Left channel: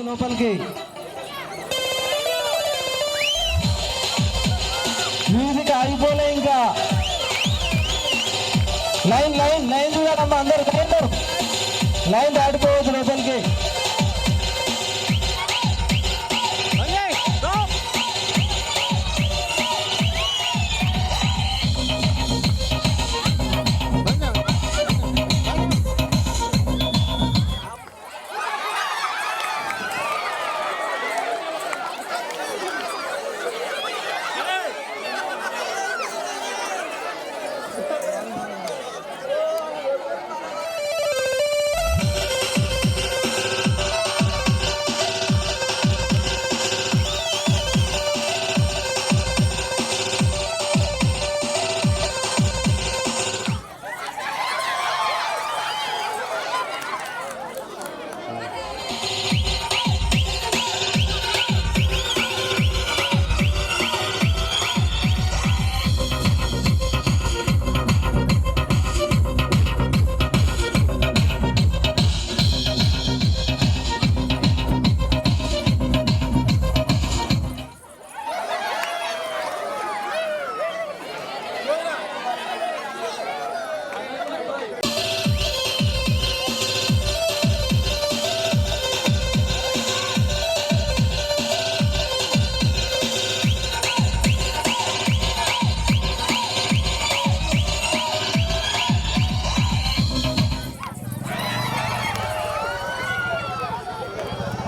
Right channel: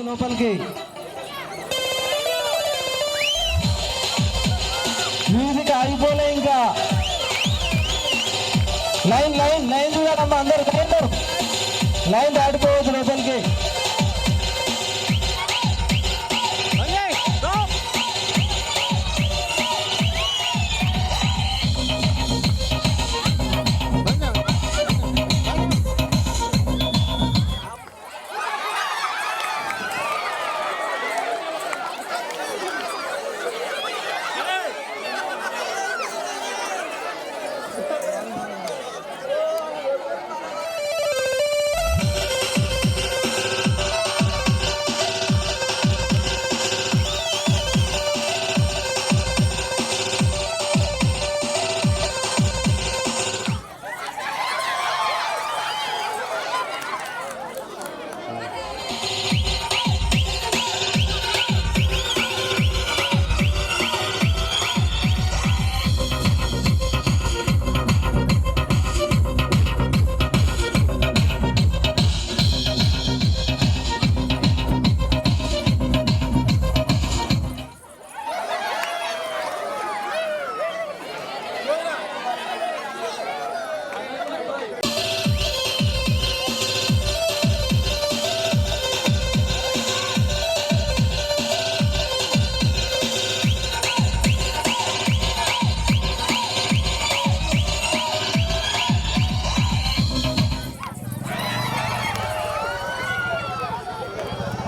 లోపలికి మ్యూజిక్ ఆగిపోలే ఇంకా line line line చూడమ్మా అందరు లైన్ దాటిపోవచ్చు లోపలికి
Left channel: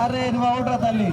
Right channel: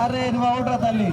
అరే నువ్వు అవుట్రా తల్లి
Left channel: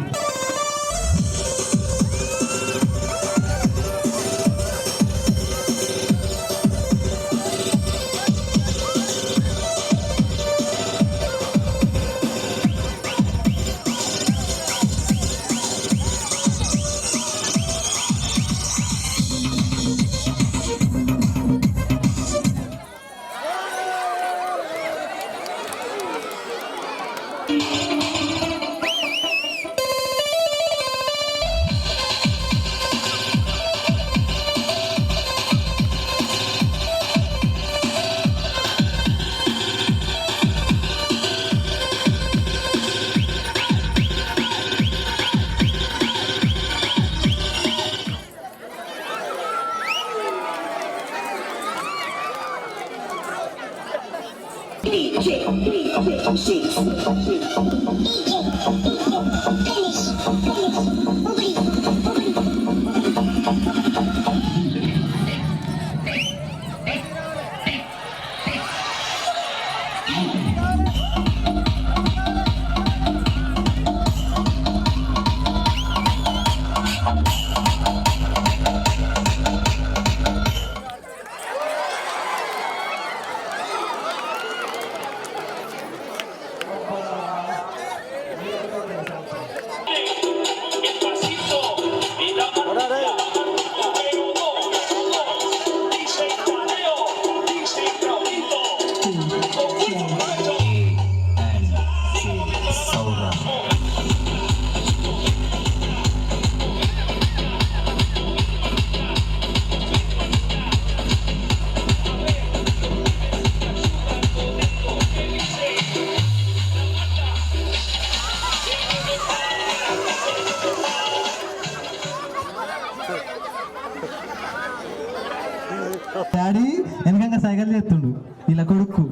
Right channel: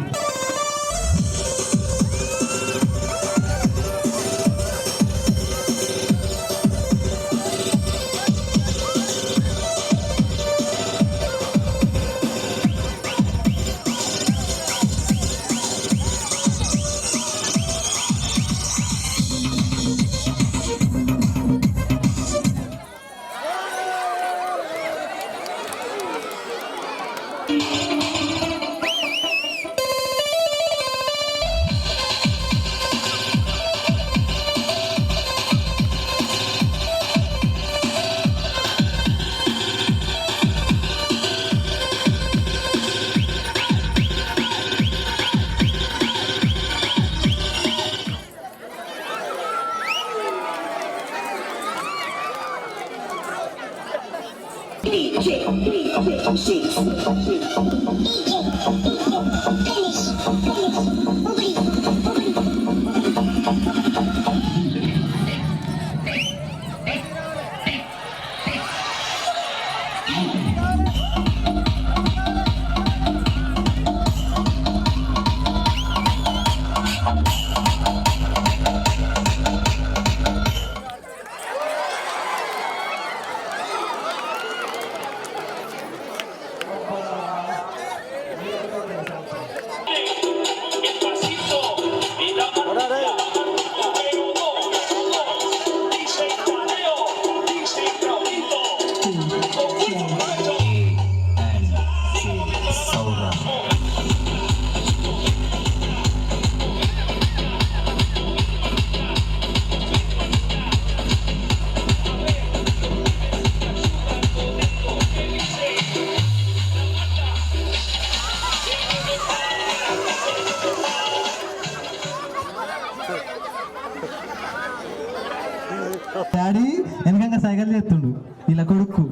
డాడీ వెనకంగా సైకిల్ చేస్తుండు ఇలా కొడుకు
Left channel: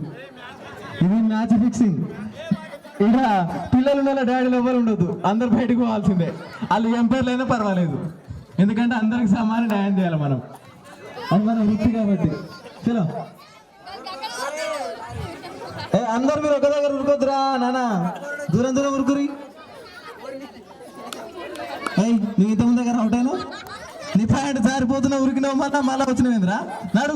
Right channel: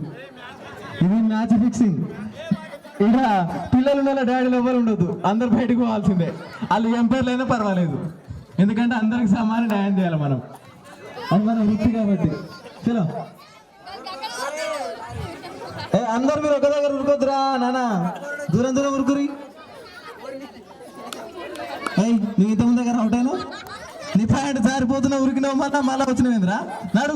ఇది మ్యాచ్ ఫిక్సింగ్ ఇలా పిల్లలు ఉన్న డాడీలు ఎవరు ఉండదు అందరు బయటకు పోవాల్సిందే వాళ్ళు ఎంపైర్లు అయినా పర్వాలేదు ఎందుకంటే అందరికి సమానం న్యాయం చేయాలి మనం అది మన వృత్తి కాబట్టి చలో అందరు మీరు ఒక దగ్గర ఉరుకొద్దురా నానా దూరం దూరం ఉరుకురి నువ్వు ఇంతమంది దగ్గర అవుట్ అయినా నీ ప్యాంట్ జారిపోతున్నా ఉరికినావు మళ్ళా వచ్చినవేంద్రా నాడు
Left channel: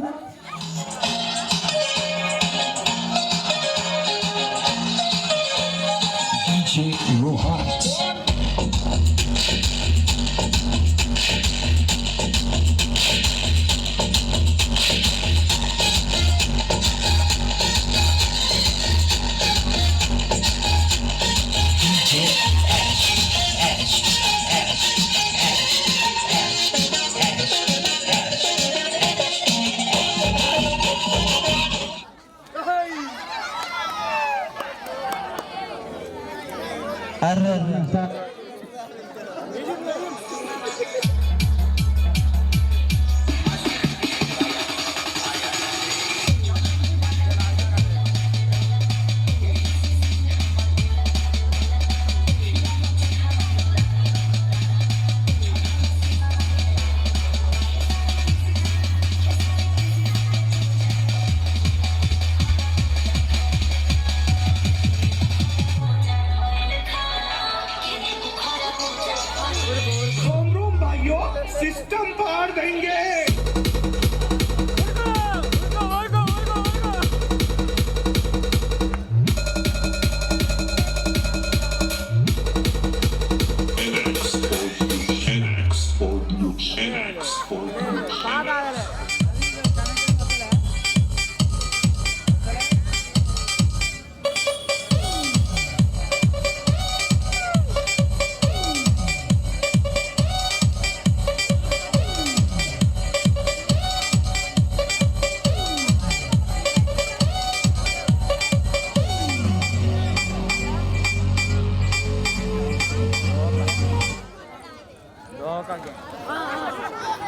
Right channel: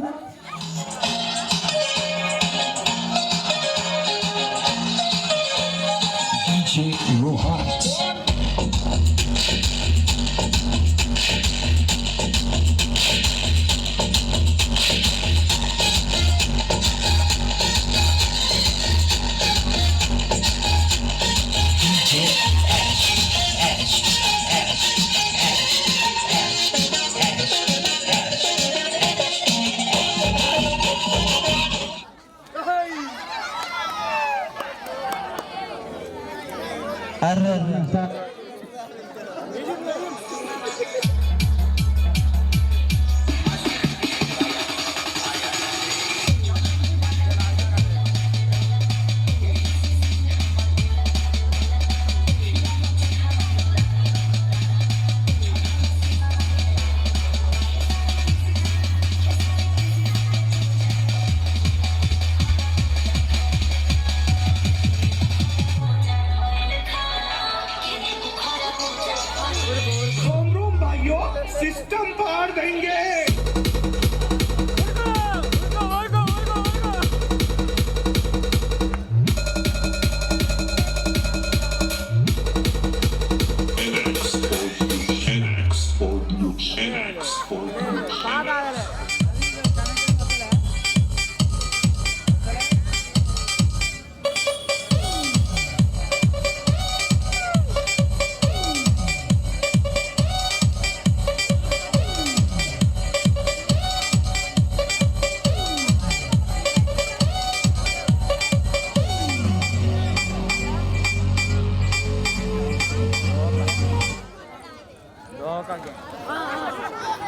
सिस्टम पार देंगे।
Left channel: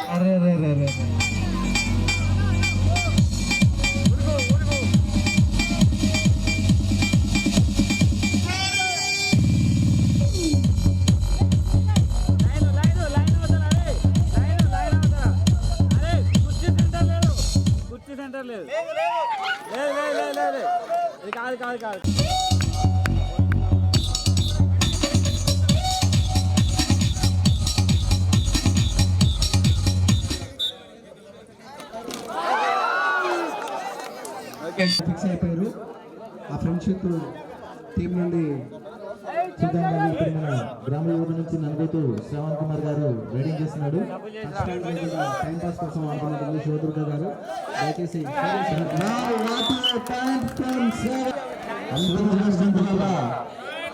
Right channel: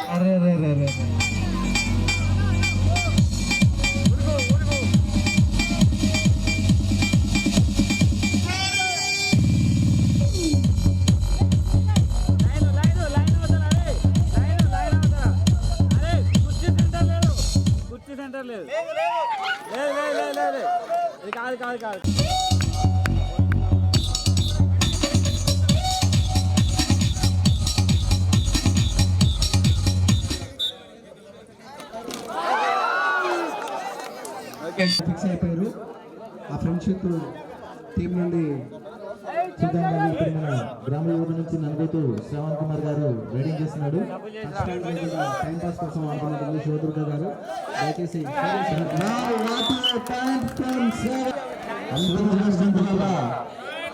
अरे अरे अरे अरे కాదు ఫిక్స్ అయిపోయారు. ఆ ఫ్రెండ్షిప్ టీం నుండి చూద్దాం. ఇప్పుడు మన గ్రామ యువత నుంచి నలుగుతూ శ్రవణ్ కుమార్ గారు రైడింగ్ చేస్తున్నాడు. టైం పాస్ కోసం ఆడుతున్నటువంటి శివదుర్గ గారు దయచేసి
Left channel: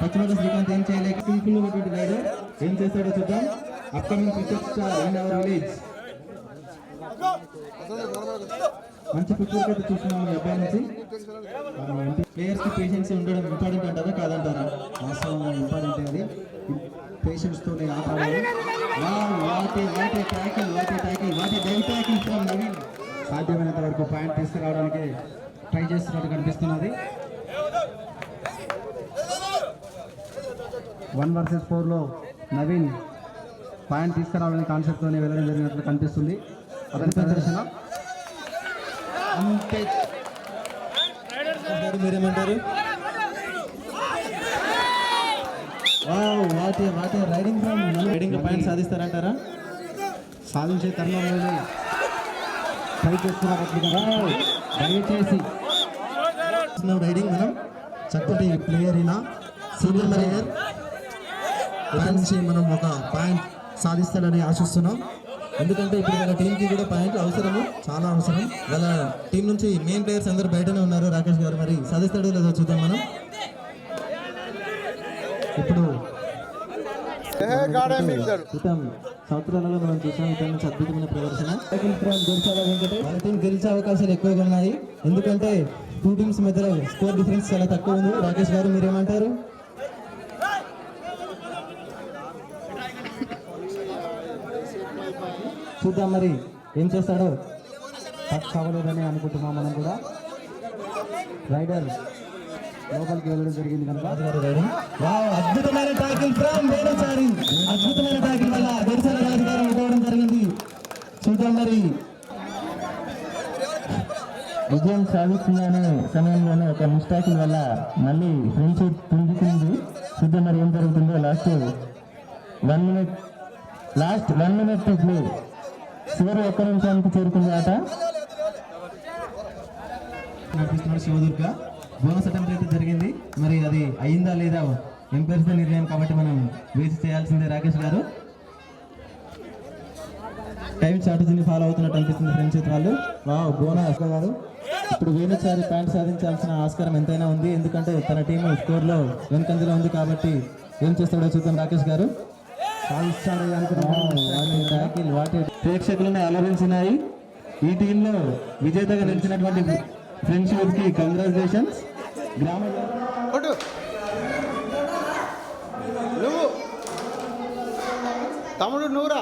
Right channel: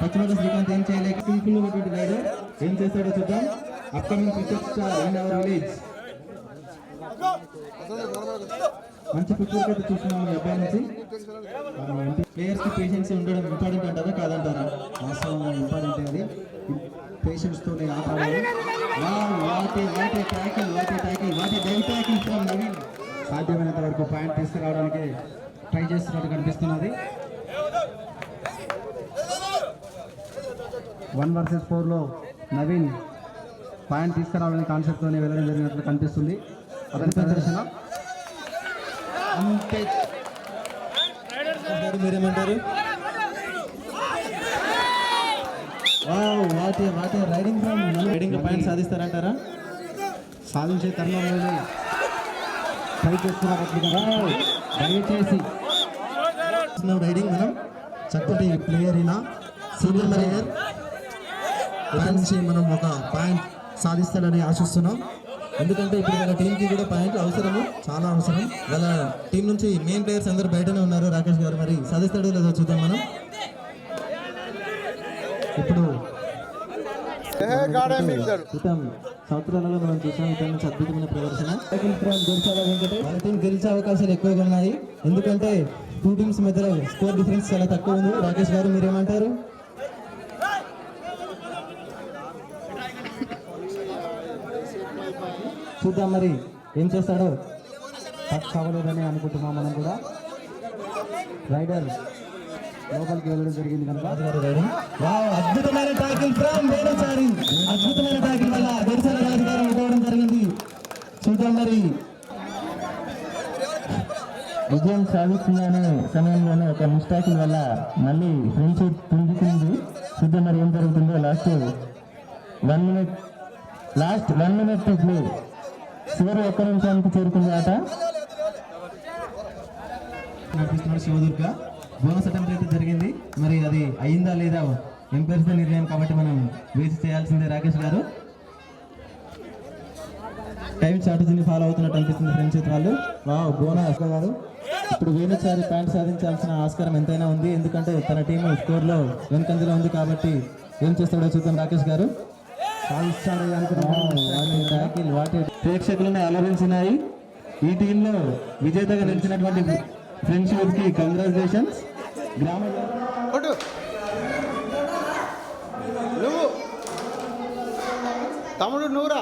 పశ్చిమ శ్రీకాంత్ ఏం చేయలేక సింపుల్ ఉన్నటువంటి రైడర్ ఏం చేస్తాడో చూద్దాం. Upcoming cricket star in our village. మంచి ఫుట్బాల్ అయితే చూస్తున్నాం ఈ అబ్బాయి నుంచి. ప్లేయర్స్ కి పేషెన్స్ ఉండడం ఇంపార్టెంట్ అంటారా కాదంటారా? వాస్తవంగా ఇంపార్టెంట్ అది. పేషెన్స్ తోనే ఆట ఆడాలి. సాధ్యమైనంత వరకు పాయింట్ తీసుకురావడానికి ట్రై చేస్తున్నట్టు కనిపిస్తున్నది. 1 vs 4లో నవీన్ పాయింట్ తీసుకురావాలని కాన్సెప్ట్తోనే వెళ్ళడం జరిగినట్లు కనిపిస్తుంది. అతని ప్రదర్శన అంతే. మీరేమంటారు? వాటి రైడింగ్ రైడింగ్ పాయింట్ సాధిస్తారంటారా? సాధించే తరుణంలోనే ట్రై చేస్తున్నారు. దయచేసి రైడింగ్ మనం చక్కటి ప్లేయర్ అయినా సీనియర్ ప్లేయర్ నుంచి మనం ఒక పాయింట్ సాధిస్తాడని ఆశిస్తున్నాం. ఎందుకంటే ఇప్పుడు వాళ్ళ టీంకి కూడా పాయింట్లు అవసరము, చాలా అవసరం. వాళ్ళ టీం నుంచి మెయిన్ ప్లేయర్స్ అందరూ బయటనే ఉన్నారు. రాకేష్ గారు మరి సాధిస్తాడో లేదో చూద్దాం మనం. ఇప్పుడు క్రితం సంవత్సరాలలో మనం చూసాం ఇతని నుంచి అద్భుతమైన ప్రదర్శన. వాళ్ళ టీం గెలిచే అవకాశాలు ఎక్కువగా ఉన్నాయి. ఎందుకంటే 2 టీమ్స్ మధ్యలో స్కోర్ డిఫరెన్స్ చాలా తక్కువ ఉంది. రాకేష్ గారు మీరేమంటారు? చూద్దాం మరి ఏం చేస్తాడో. టచ్ అవ్వలేదని అనుకుంటున్నాం మనం కూడా. రైడర్ లోపలికి వెళ్ళడం జరిగింది కనుక అద్భుతమైన టాకిల్ ఫ్రమ్ వేణుచారి. అద్భుతమైన టాకిల్ వల్ల దర్శన రాజు గారు ఇవ్వడం జరిగింది. చూద్దాం మరి విజయం సాధిస్తున్న సమయంలోనే ఒక మిస్టేకిల్ వల్ల మళ్ళీ ఫ్రెండ్షిప్ పుంజుకుంది. చూద్దాం మరి ఏం జరుగుతుందో. Last 1 minute to play. చివరి 1 నిమిషానికి చేరుకుంది ఆట. నడిపిస్తున్నాడు శివదుర్గ. బోనస్ అటెంప్ట్ అయితే జరిగింది. మరి అది అయిందా లేదా ఎంపైర్స్ నిర్ణయం కాబట్టి మనం వేచి చేయాల్సిందే. రాకేష్ గారు టైం స్ట్రాటజీని ఫాలో అవుతున్నట్టు అనిపిస్తుంది ఫ్రెండ్స్ వాళ్ళు. బోనస్ గారు ఇప్పుడు వేణుచారి పాయింట్ సాధించాల్సిన ఆస్కారం ఎంతైనా ఉంది. ఎందుకంటే తన టీం స్కోర్లో వెనుకంజలో ఉంది కాబట్టి ఏం చేస్తాడో చూద్దాం. రాకేష్ గారు వాటి ప్రేక్షకులను అలరించినాయి. ఈ టీంలో విజేతగా నిలిచినటువంటి ఫ్రెండ్షిప్ కి కంగ్రాచులేషన్స్. గ్రామ తమ్ముడు నూరా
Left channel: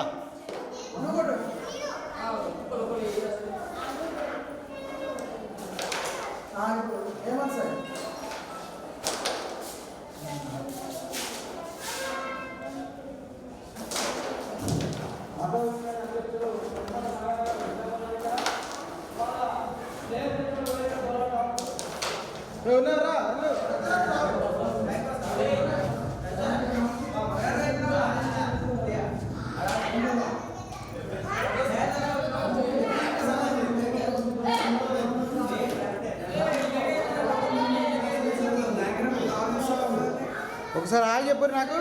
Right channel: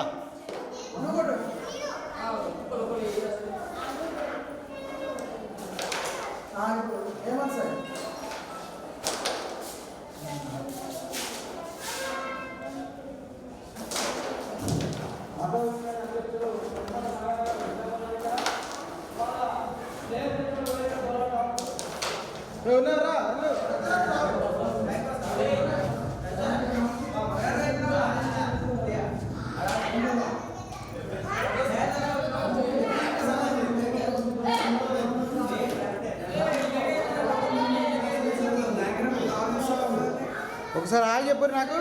ఒకసారి హాయ్ చెప్పురి నాకు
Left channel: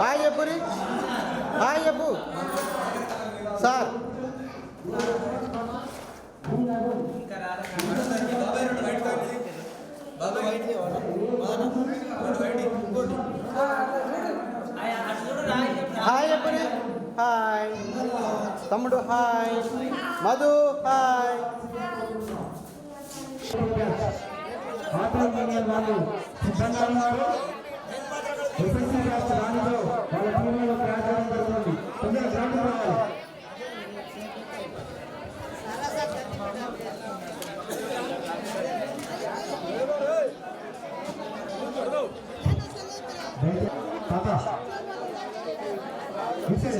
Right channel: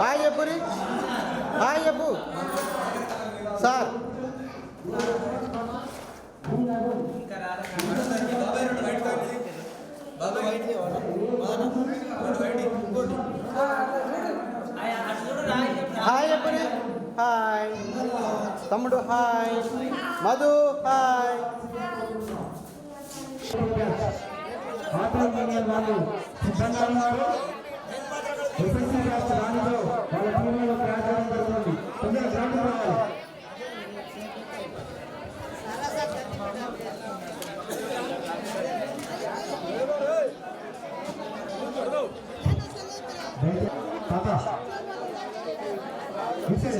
హాయ్ చెప్పురి హాయ్ చెప్పు సార్ హాయ్ చెప్పురి హాయ్ తమ్ముడు hi Madhu hi auto union వాళ్ళు సిద్ధంగా ఉన్నారు. ఎస్ఎస్సీ బ్యాచ్ రాణిలో వాళ్ళ టీంలో ప్రయాణం జరుగుతుంది. తొందరగా గ్రౌండ్కి రావాలి. తాత విషయం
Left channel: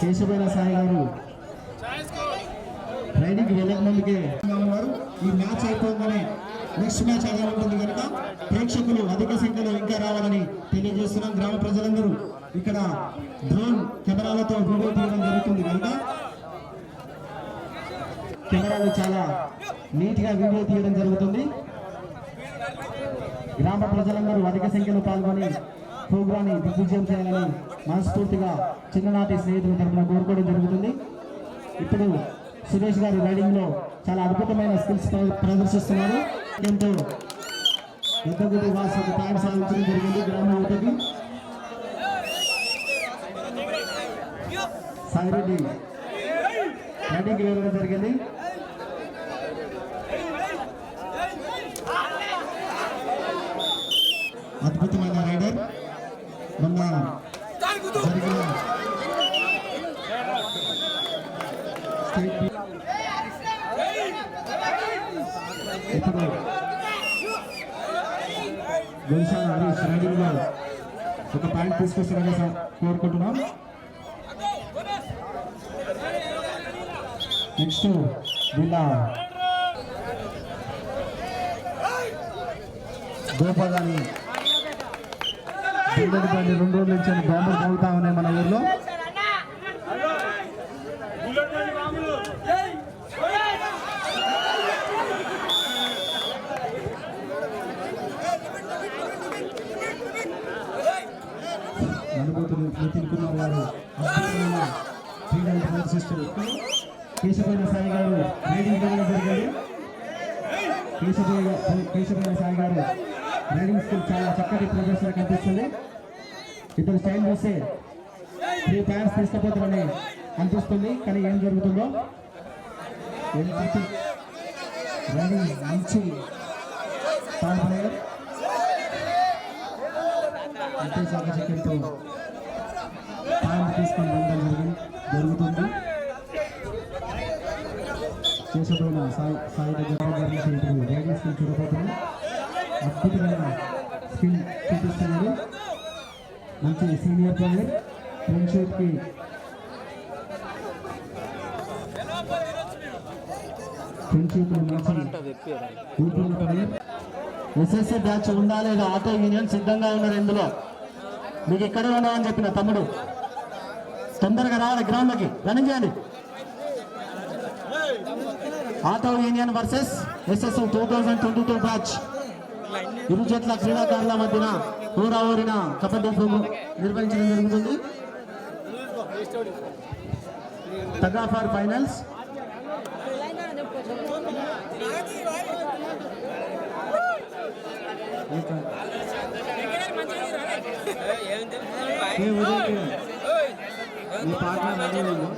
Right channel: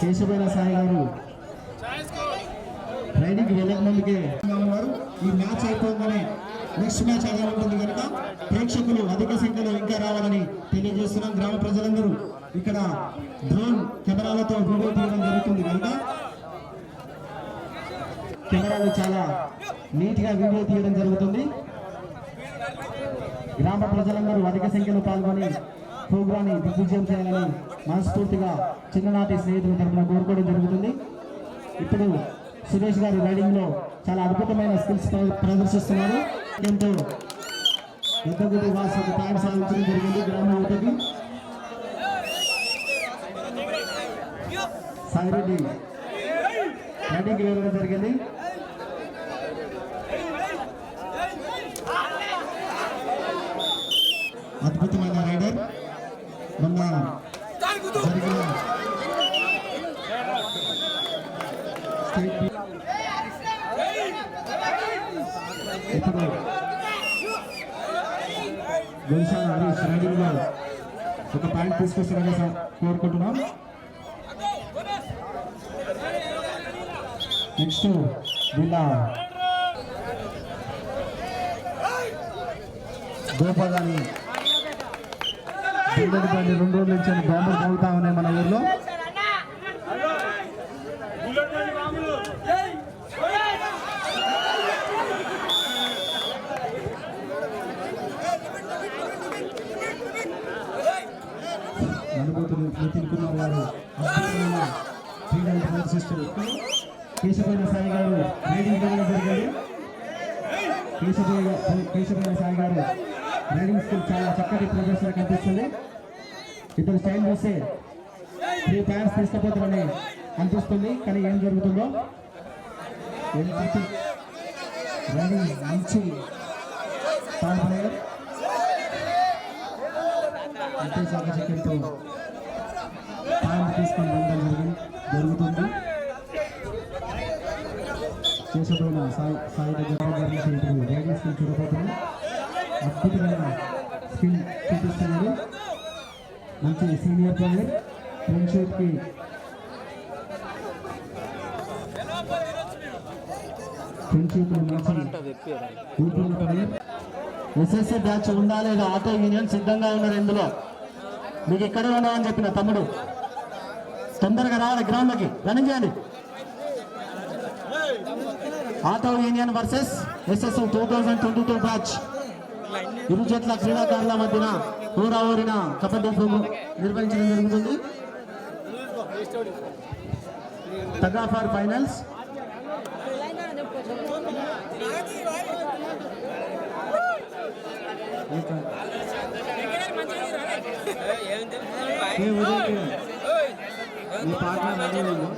కేశవైన సాయి గారు రైడింగ్కి వెళ్ళక ముందుకే ఉన్నారు. ఈ మ్యాచ్ అయిపోగానే నెక్స్ట్ మ్యాచ్ అదే ఉంటుంది కనుక ప్రేక్షకులు అధిక సంఖ్యలో ఇంకా రావాలని తెలియజేస్తున్నాం. గ్రామ ప్రజలందరూ ఇక్కడ డ్రోన్ కెమెరాలతో వీడియో తీయడం జరుగుతుంది కనుక కెమెరాలు చాలా నీట్గా వీడియో తీయడం జరుగుతుంది. గ్రామ ప్రజలందరూ అధిక సంఖ్యలో పాల్గొని ప్రోగ్రాన్ని దిగ్విజయం చేయాలని మనస్ఫూర్తిగా చిన్ననాటి స్నేహితుల తరఫున కోరుకోవడం జరుగుతుంది. ఇప్పుడు సురేష్ గారు రైడింగ్ లో చాలా అద్భుతమైన స్కిల్స్ ప్రదర్శిస్తున్నారు. ఎంతో పెద్దగుడి వాసు పాయింట్ సాధించడం జరిగింది. గ్రామ యువతకి సాయిరెడ్డి రైడింగ్ వెళ్ళడం జరిగింది. అద్భుతమైన రైడర్ మొన్న జరిగిన ఇప్పుడు గొలుసాల హరీష్ రైడింగ్ లో ఒక పాయింట్ తీసుకొస్తారని కోరుకుంటున్నాం. నెక్స్ట్ వీళ్ళ గోపాలని పిల్లలు బండి 2 రోజుల నుంచి బాంబులు మోగుతా ఉన్నాయి మన ఊర్లో. అనుభూతులు నితిన్ కుమార్ గారు అద్భుతమైన క్రీడలు ప్రదర్శిస్తూ కేశవైన సాయి గారు రైడింగ్ చేయడం జరిగింది. కేశవైన సాయి గారు రైడింగ్ స్కిల్ చాలా చక్కటి ప్రదర్శన కనిపిస్తుంది. ఇద్దరు స్టైల్ చూస్తే 3 పాయింట్స్ తీసుకుపోతారని అనిపిస్తుంది. కానీ ఏం జరుగుతుందో రైడింగ్ మంచి టాప్ ప్లేయర్ అంతే చాకచక్యంతో పాయింట్ తీసుకొని వెళ్ళడం జరుగుతుంది. కేశవైన సాయి దగ్గర రైడింగ్ స్కిల్ చూడబోతున్నాం. అద్భుతమైన స్కిల్ చూపిస్తున్నారు. మంచి సీనియర్ ప్లేయర్ ఫ్రెండ్షిప్కి మంచి ఊపిరి ప్లేయర్. ఎస్ఎస్సీ బ్యాచ్ ఉందా లేదా ఆటో యూనియన్ సిద్ధంగా ఉన్నారు. ఇందులో మీకు ఇక్కడే ఉన్నామని చెప్పిన తమ్ముడు తొందరగా రావాలి. గ్రౌండ్లోకి రన్నింగ్ చేయండి. Auto union versus SSC 2022 batch ఇరు జట్ల క్రీడాకారుల మధ్యన ఊరిన కబడ్డీ ప్రోగ్రాం నిర్వహించడం జరుగుతుంది. Tug of war finals. Me partner ready ఉన్నారు,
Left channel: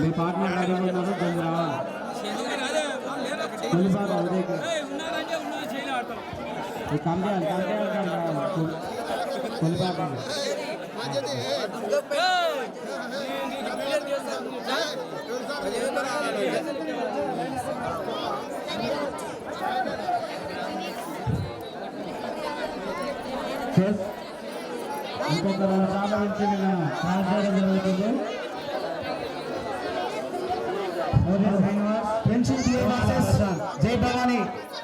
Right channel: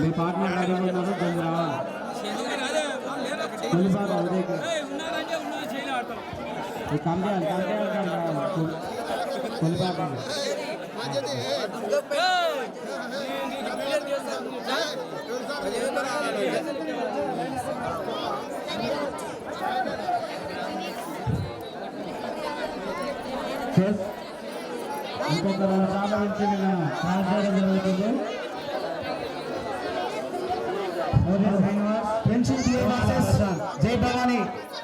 మీ పార్ట్నర్ రెడీ ఉన్నారు, కొంచెం రావాలి. కొలిపాక ఉదయ్ కంపేయాలి కొలిపాక ఇంకొక 2 సార్లు నుంచి క్రాస్ చేయడం జరుగుతుంది. జై భవానీ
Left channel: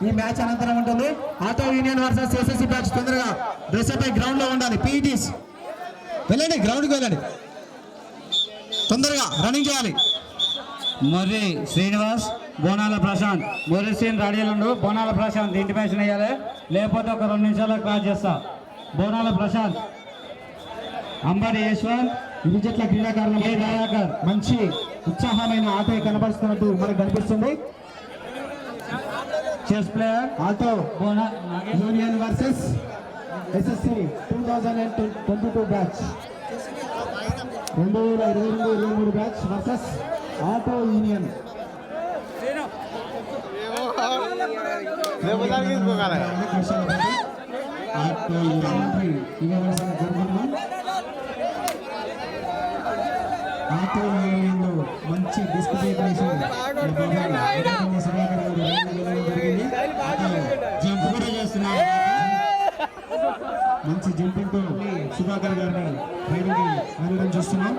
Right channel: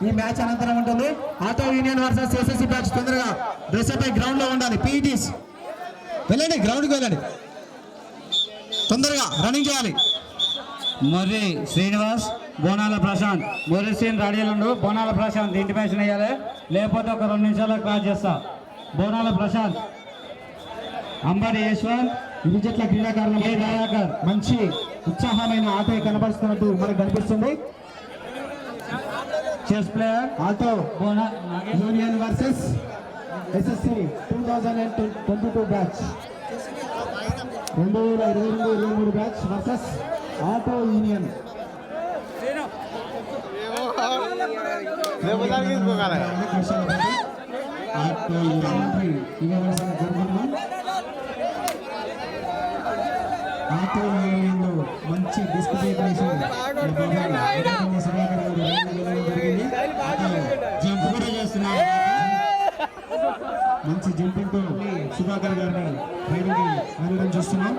ఈ మ్యాచ్ అనంతరం ఉంటుంది. Auto union versus SSC batch తొందరగా డ్రెస్అప్ అయి గ్రౌండ్ లో ఉండాలి. పీఈటీస్ వెళ్ళండి, గ్రౌండ్కి వెళ్ళండి, తొందరగా రన్నింగ్ చేయాలి. మొర్రి శ్రీనివాస్, బోనాల ప్రశాంత్. మొర్రి శ్రీని రెడీలు ఉండు. బోనాల ప్రశాంత్ ఇంటిమేషన్ వేయాలి, లేకపోతే ఒక 2 నిమిషాల్లో క్రాస్ చేస్తా. బోనాల ప్రశాంత్, అంబడి యశ్వంత్, ఇరు జట్ల క్రీడాకారులు కే దయాకర్. మంచి ఉత్సాహమైన ఆట కనబరుస్తున్నట్టు మనకు కనిపిస్తుంది. చెస్ ప్లేయర్ ఆటో బోనా union versus SSC 2022 batch 2022-23 batch versus auto union. Auto union ఇవ్వవలసిన జరుగుతున్నాం. ఆటో యూనియన్లో మంచి డిస్క్రిమినేషన్ జంప్ కూడా చేస్తున్నారు. మంచి జంపింగ్ తో సుధాకర్ గారిని రైడింగ్ వెళ్ళడం చూస్తున్నాం.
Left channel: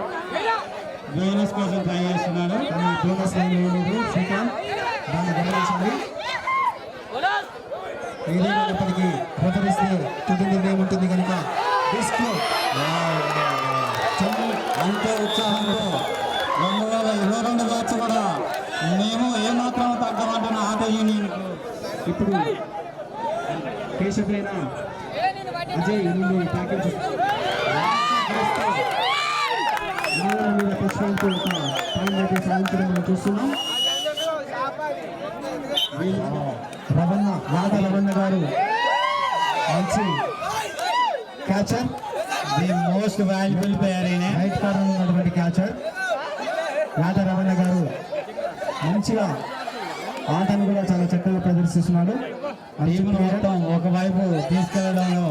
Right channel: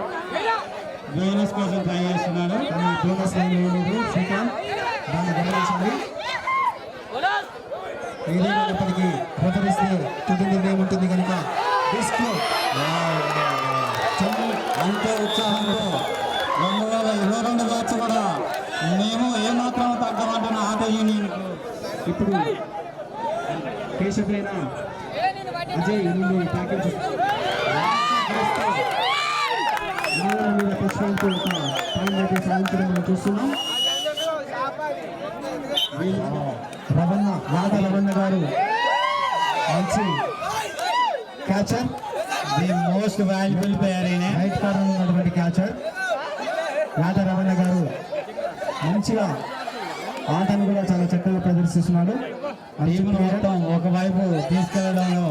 బోనస్ కోసం ట్రై చేస్తున్నాడు. కానీ బోనస్ లైన్ వేయలేదు శ్రీకాంత్, దాన్ని గమనించండి. ఏదైనప్పటికీ ప్రదరిస్తే తుది నిర్ణయం ఉంటుంది కనుక డిస్క్ అంతే ఉత్సాహంతో 2022 బ్యాచ్ కూడా మేము ఏమాత్రం తగ్గమంటున్న ఆటో యూనియన్. ఇప్పుడు కేశవైన అజయ్ నుండి ప్యాకేజ్ మీద ప్రశ్నతో ఒక పాయింట్ అయితే సాధించడం మనం చూస్తున్నాం. రవణ రవణ గారు మంచి catcher, the most valuable player అయినా రైట్ కార్నర్ ఉన్నటువంటి క్యాచర్ యాద రవణ గారు మంచిగా ఆటను కూడా చాలా చక్కగా ప్రదర్శిస్తున్నాడు. టీం మొత్తం ఒకవైపు తీసుకెళ్లడంలో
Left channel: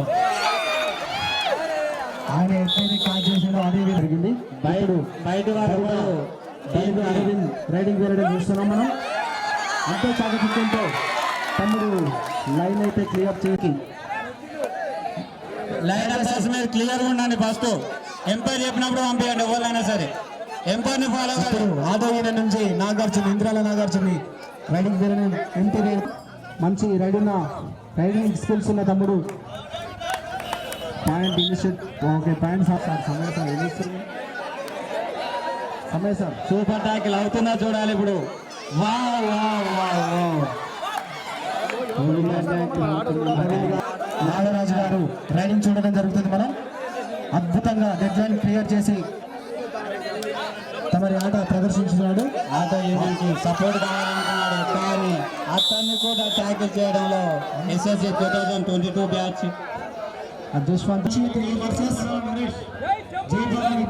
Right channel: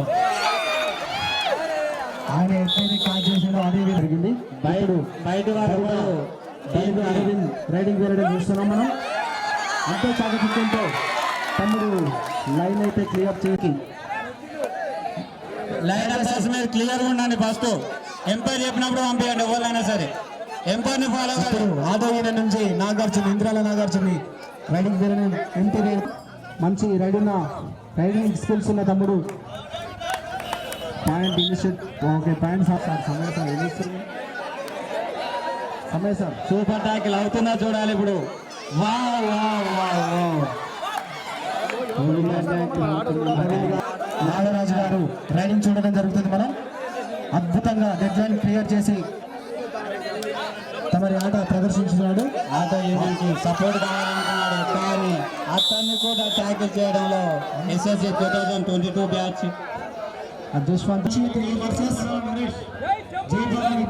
ఆయన ఎక్కడైతే క్యాచ్ చేసాడో అదే జరిగింది. బయట వారు కూడా డైవ్ అరవింద్ రైడింగ్ వేయడం చూస్తున్నాం మనం. అంతే చాకచక్యంతో తమ్ముడు లైన్ అయితే క్లియర్ చేసి లైన్ అసెస్ మీద క్లియర్ గా ఉండండి. ఫస్ట్ ఎంపైర్ చెప్పినప్పుడు పంపించండి, ఎవరైనా సరే ఎంపైర్ ని ఫాలో ఇప్పుడు ఆటో యూనియన్ నుంచి నాగార్జున ఇంద్రాల నాగార్జున రైడింగ్ వేయడం ఎంపీ మంచి రైడింగ్ స్కిల్స్ ఉన్న తమ్ముడు. Point initiate okay point sir సమయ సార్ సమయ సార్ సూపర్ ట్యాకిల్ అవుతుందా చూడాలి ఇప్పుడు. Wow wow wow wow. Nagaraju గారు రైడింగ్ చూడడం జరుగుతుంది. మనం అద్భుతంగా డెడ్ లైన్ క్లియర్ చేసి తమరి ఆట ప్రదర్శించున్నాడు. ఆటో యూనియన్ కి సపోర్ట్ కావాలనుకున్నాడు, కానీ అతన్ని కూడా ట్యాకిల్ చేయడంలో SSC 2022 batch Jaswanth versus Jai Bhavani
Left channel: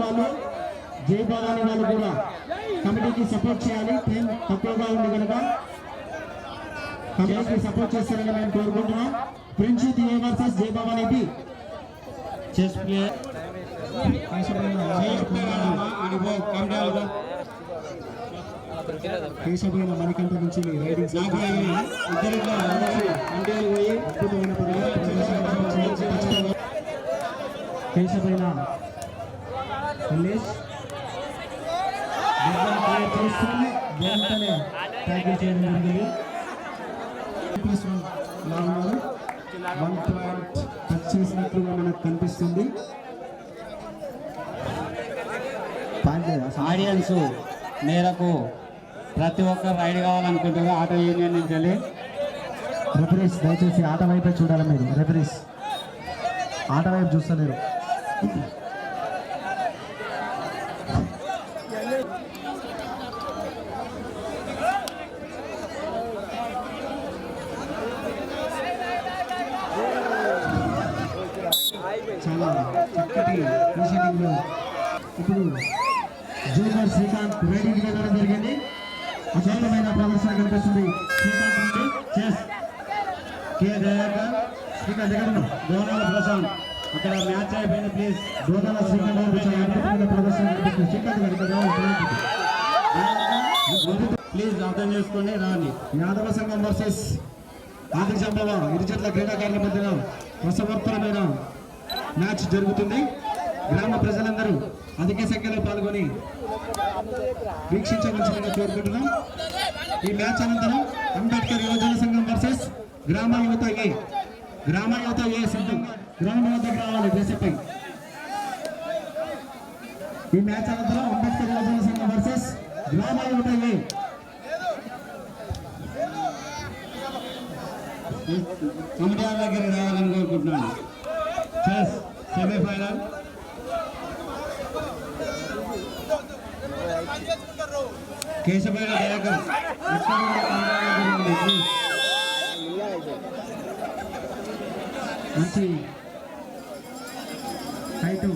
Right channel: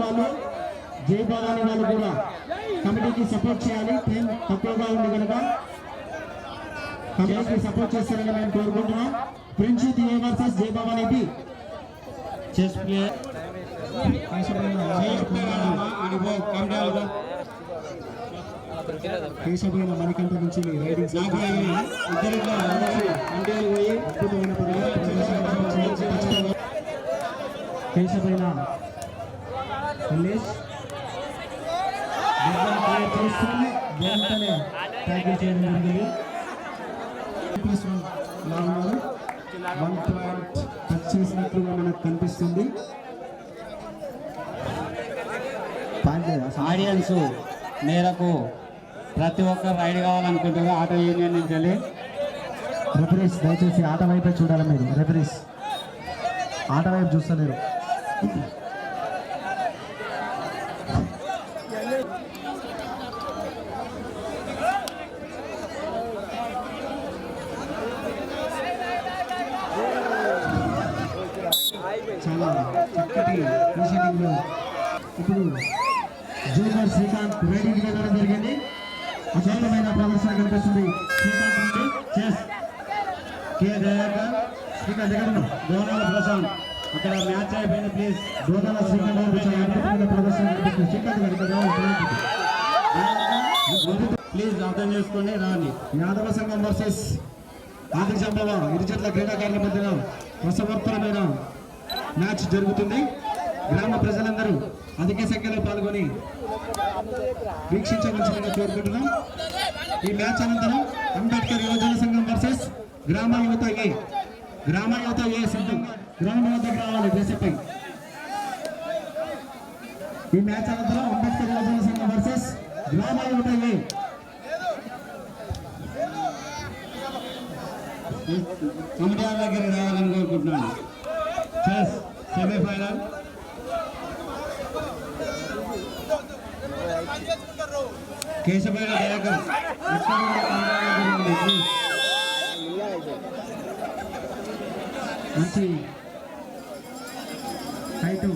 వాళ్ళు జై భవానీ వాళ్ళు కూడా కమిటీకి సపోర్ట్ చేయాలి. టైం తక్కువగా ఉంది కనుక కమిటీకి సపోర్ట్ చేస్తారని మేము కోరుకుంటున్నాం. ప్రిన్సిత్ A versus Jai Bhavani B. Chess player కేశవైన మణికంఠ నుంచి రైడింగ్ పోయి అద్భుతమైన కేశవైన వెంటనే ట్యాకిల్ చేయడం జరిగింది. లాగున్నారు 1 పాయింట్ టచ్ చేసినట్లుగా మనకు కనిపిస్తుంది. ఆడియన్స్ మేరకు ప్రతి ఒక్కరు రైడ్ కావాలనుకుంటున్నారు ఆటో యూనియన్ నుంచి వెళ్ళి. రెఫరీస్ దయచేసి ఆట వైపే చూడాలి. మీరు రెఫరీస్ ఆట వైపు చూస్తలేరు. అండ్ ఇప్పుడు జూనియర్ శ్రీకాంత్ రైడింగ్ వెళ్ళడం జరిగింది. అద్భుతమైన ప్రదర్శన కనిపిస్తుంది శ్రీకాంత్ నుండి. చెస్ కే దయాకర్ శ్రీకాంత్ దగ్గర బోనాల ప్రశాంత్ అక్కడ మ్యాచ్ అయిపోయింది ప్లీజ్. దోదల శ్రీకాంత్ గారు చాలా అద్భుతమైన ప్రదర్శన కనిపిస్తుంది. శ్రీకాంత్ గారు ఇక్కడ రావాలి. ప్లీజ్ అర్థం చేసుకోండి రాండి. యాదవ సంఘం వర్సెస్ ఆది సంభవ ఇరు జట్ల క్రీడాకారుల మధ్యన రసవర్తనమైన మ్యాచ్ జరుగుతుంది. గ్రామ ప్రజలందరూ అధిక సంఖ్యలో పాల్గొని వీక్షించవలసిందిగా కోరుకుంటున్నాం. ఈ మ్యాచ్ అనంతరం అంబేద్కర్ యువజన సంఘం వర్సెస్ గ్రామ యువత ఏ సిద్ధంగా గ్రౌండ్ వద్దకు రావాలి దేశపై. ఈ మ్యాచ్ అనంతరం అంబేద్కర్ యువజన సంఘం వర్సెస్ గ్రామ యువత ఏ కమిటీ దగ్గరికి రావాలని కోరుకుంటున్నాను. చెస్ సెమీఫైనల్ కేశవైన దయాకర్ మంచి హైట్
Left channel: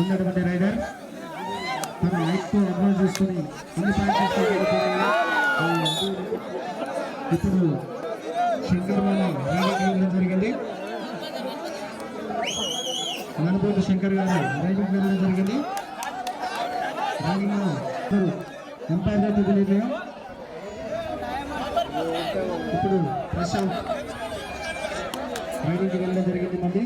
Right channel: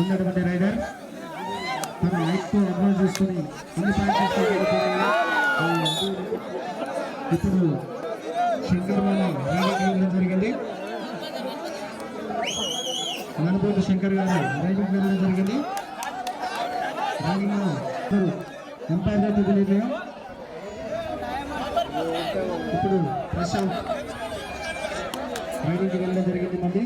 ఉన్నటువంటి రైడర్ తన హైట్తో అడ్వాన్స్ చేసుకుని అన్ని పాయింట్స్ ఇప్పుడు శంకర్ రైడింగ్ జరిగింది. ననుబోతు శంకర్ గారు రైడింగ్ వెళ్ళడం జరిగింది. రైడింగ్ ఎంపైర్ అయితే తెలియదు. ఇప్పుడు ప్రశాంత్ రైడింగ్కి వెళ్ళడం జరిగింది. మళ్ళీ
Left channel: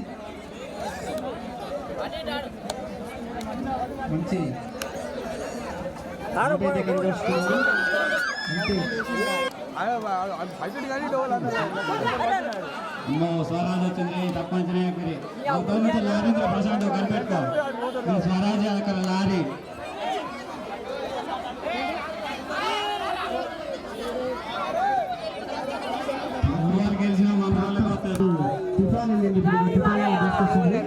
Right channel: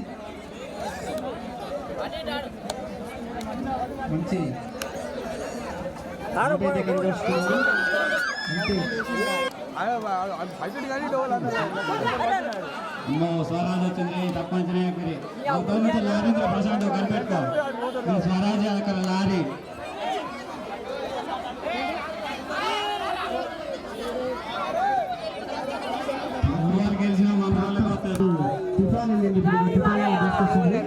మంచి కనిపిస్తున్నారు. స్వరాజ్ వచ్చింది తప్పనిసరి లారీంద్ర ప్రశాంత్ కనిపెట్టుకో. స్వరాజ్ అక్కడ లారీ గెలిచిన మా తుఫాన్ వెళ్ళింది. ఇప్పుడు తుఫాన్ తీసుకొస్తుంది.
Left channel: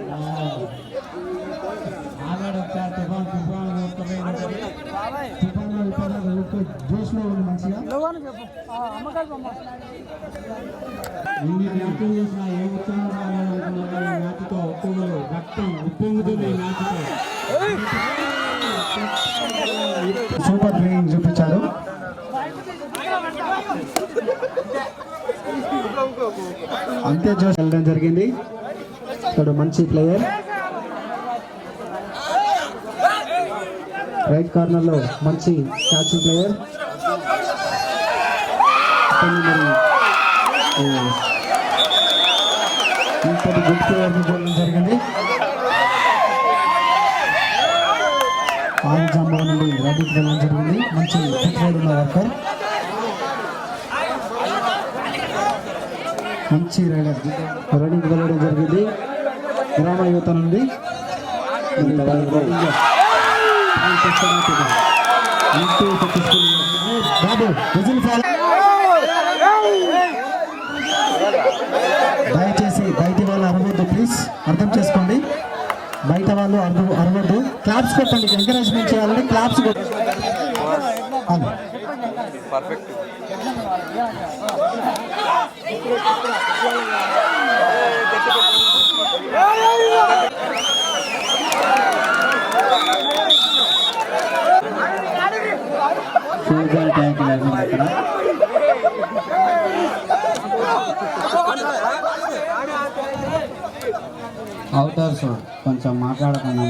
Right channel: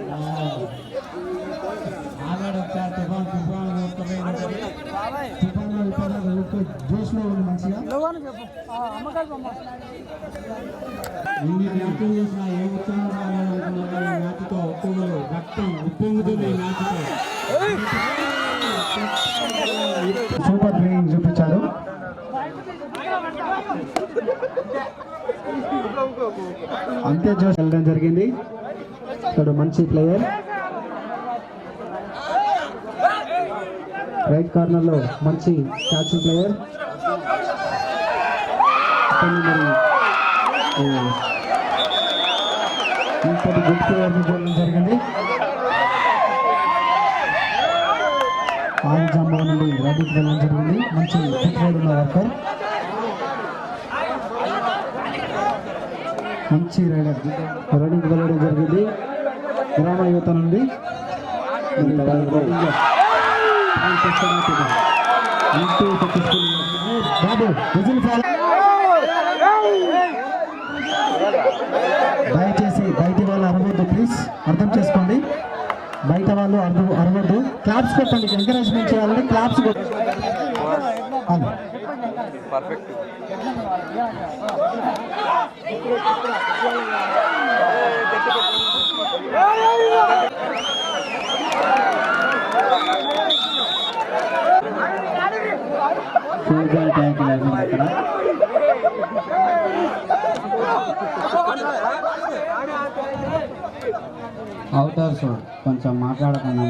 ఆగాడు ఒకసారి తుఫాన్ జోష్లో ఉంది మంచిగా. ఎన్ని మ్యాచ్లు చూసినా ఏ ఉత్సాహం రావాలనుకున్నా ఈ మ్యాచ్తో ఒక్కొక్కరు రక్తం ఉప్పొంగుతుంది. ఈ మ్యాచ్తో సూపర్ ప్లేయింగ్ చూపించారు. అంతే జోష్ వెళ్ళడం జరిగింది. ఇక్కడ మంచి ప్లేయర్ రైట్ కార్నర్ లో మంచి క్యాచింగ్ ప్లేయర్. ఇంతటి గుడ్ ప్లేయర్ చూడడం జరిగింది. ఆది జంబో నుండి రైడింగ్ వెళ్ళడం జరిగింది. మంచి ఫిట్ రైడ్ ఉన్న వర్కర్, మంచి రైడర్ రైడింగ్ వెళ్ళడం జరిగింది. గ్రామ యువత నుండి బాబు విజిల్ ఫాలో. దయచేసి బయట వాళ్ళు అరవద్దు ప్లీజ్, అర్థం చేసుకోండి. బయట వాళ్ళు అరవద్దు. క్లాప్స్ కొట్టండి, ఎంకరేజ్మెంట్ చేయాలని క్లాప్స్ కొట్టండి. ట్యాంక్ అక్కడ అవుతారు. కొంచెం మాట్లాడకుండా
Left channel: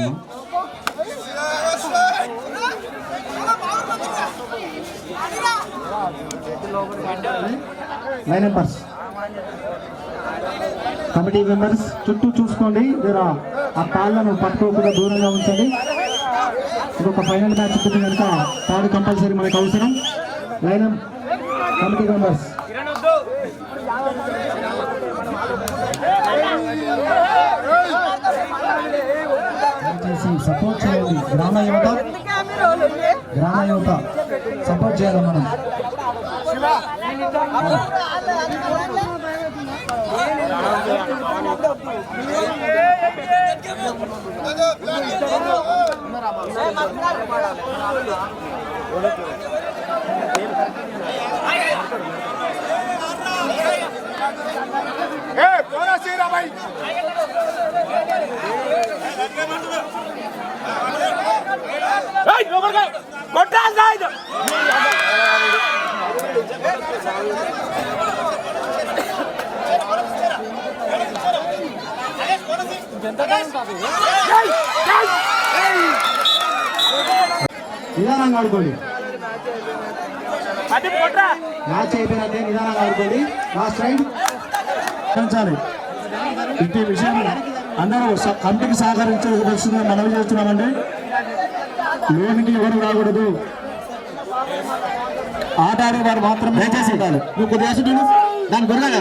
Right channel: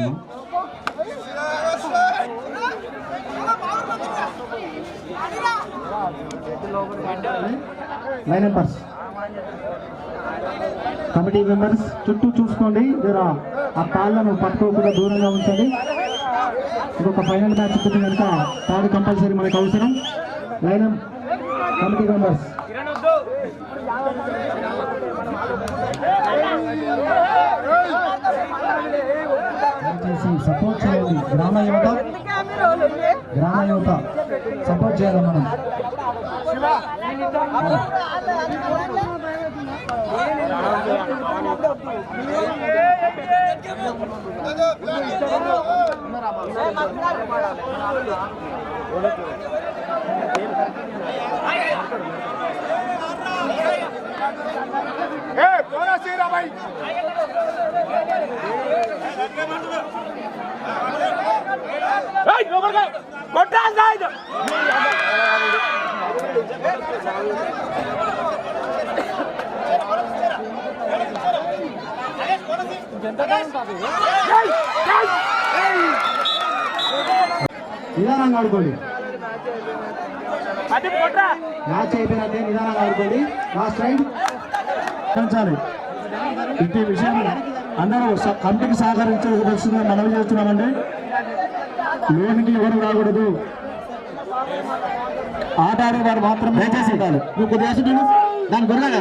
లైన్ మెంబర్స్, కమిటీ మెంబర్స్ చుట్టూ చూసుకోండి. జరా ఆ తాళ్ళను పట్టుకోకుండా దూరంగా ఉంచండి. ఇంకొక ఫైనల్ మ్యాచ్ పుట్టి కనుక తాడు కంపల్సరీ మనకు అవసరం. లైన్ కమిటీ మెంబర్స్ సపోర్ట్ చేయండి. గ్రామ యువత సపోర్ట్ చేయాలి మనం. कौन सी भाई నిదానంగా ఆడుకోండి. మ్యాచ్ అయిపోయినట్టే నిదానంగా ఆడుకోండి. లాస్ట్ రైడ్ పెంచాలి. ఇంటి విషయం అందరూ కమిటీకి సహకరించవలసిందిగా మనవి చేస్తున్నామండి. లోనికి ఎవరు రాకూడదు. ఆట ఆడేవారు మాత్రం దయచేసి నువ్వు కొద్దిగా వేసుకుంటాను దాని గొర్రెగా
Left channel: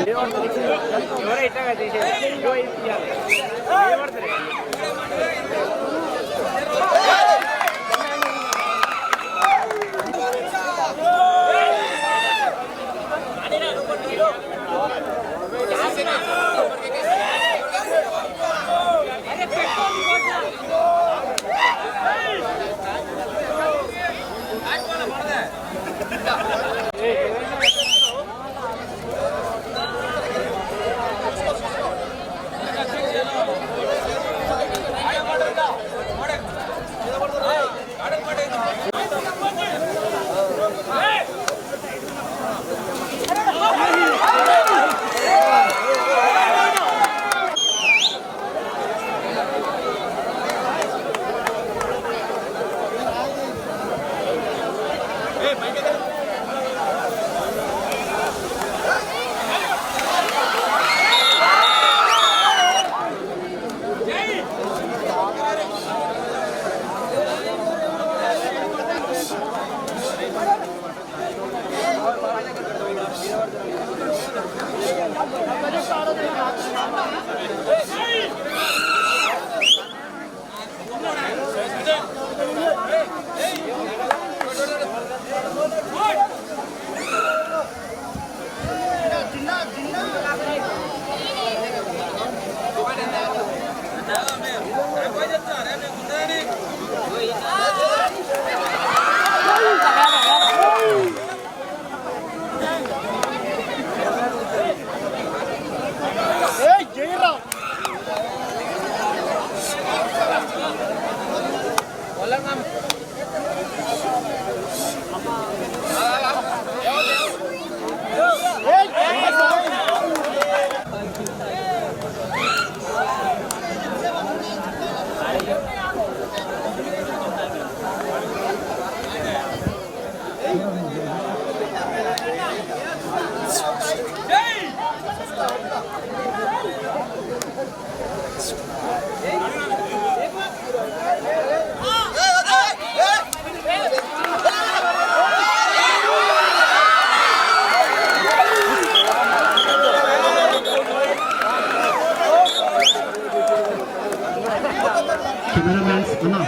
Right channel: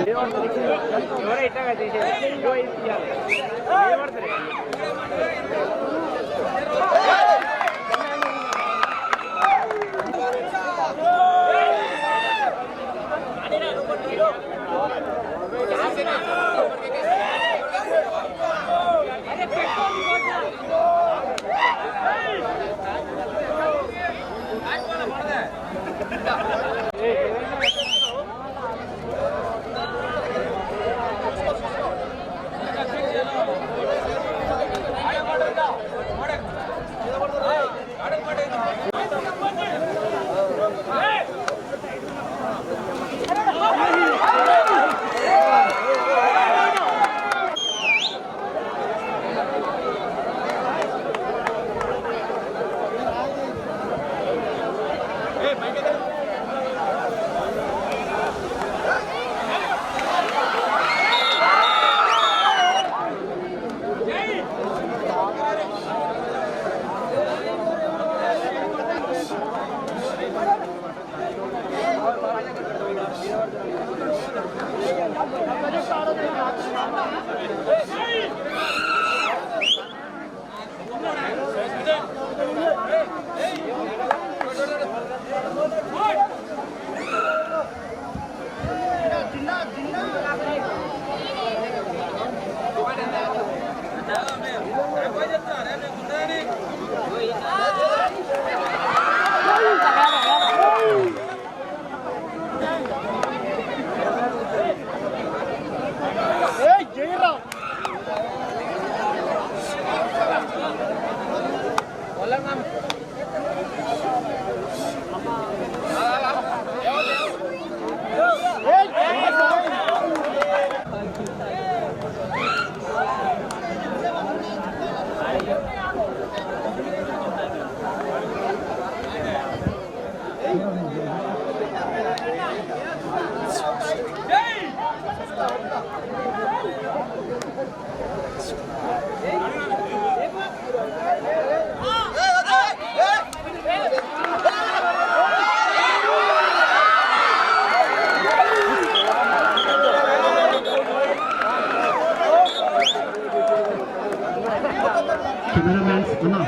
కెమెరామ్యాన్స్ అన్నా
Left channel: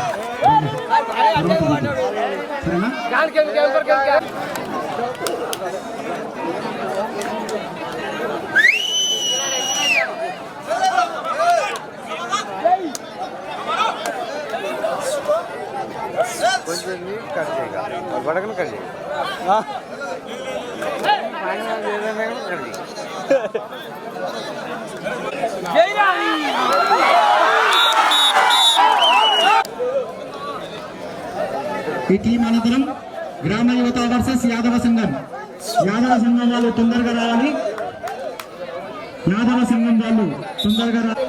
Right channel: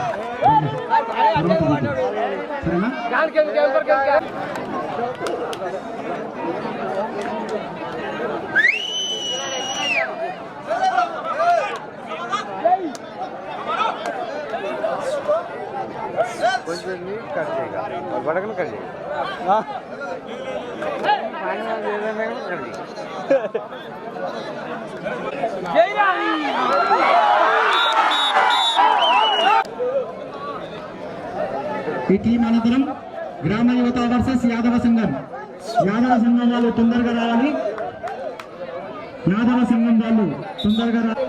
సరేనా కొంచెం నీట్ కట్ చేయగా బడకను కట్ చేయగా ఈ టీం అనంతరం గ్రామ యువత వర్సెస్ యాదవ సంఘం. యాదవ సంఘం వాళ్ళు తొందరగా రావాలి. యాదవ సంఘం వాళ్ళు తొందరగా రావాలి.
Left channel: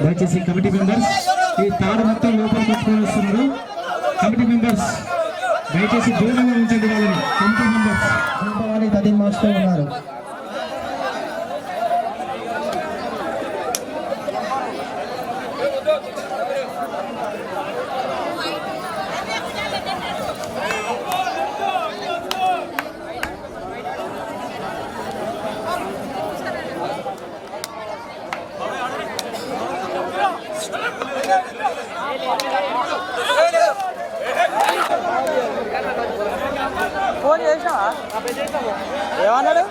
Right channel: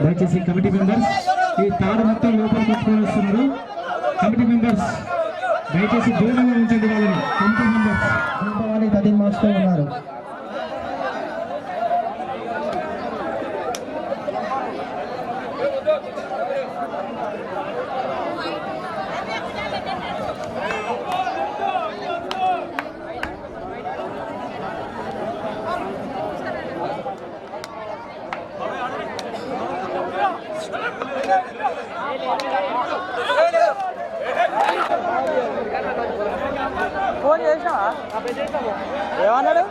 దయచేసి కమిటీ మెంబర్స్ ఈ తాడు మొత్తం లోపలికి వచ్చుకొని వస్తున్నారు. కమిటీ మెంబర్స్ దయచేసి దూరంగా ఉంచండి వాళ్ళని. కమిటీ మెంబర్స్ వాళ్ళు 13 మార్క్స్తో ఉన్నారు. ఏమన్నాడు?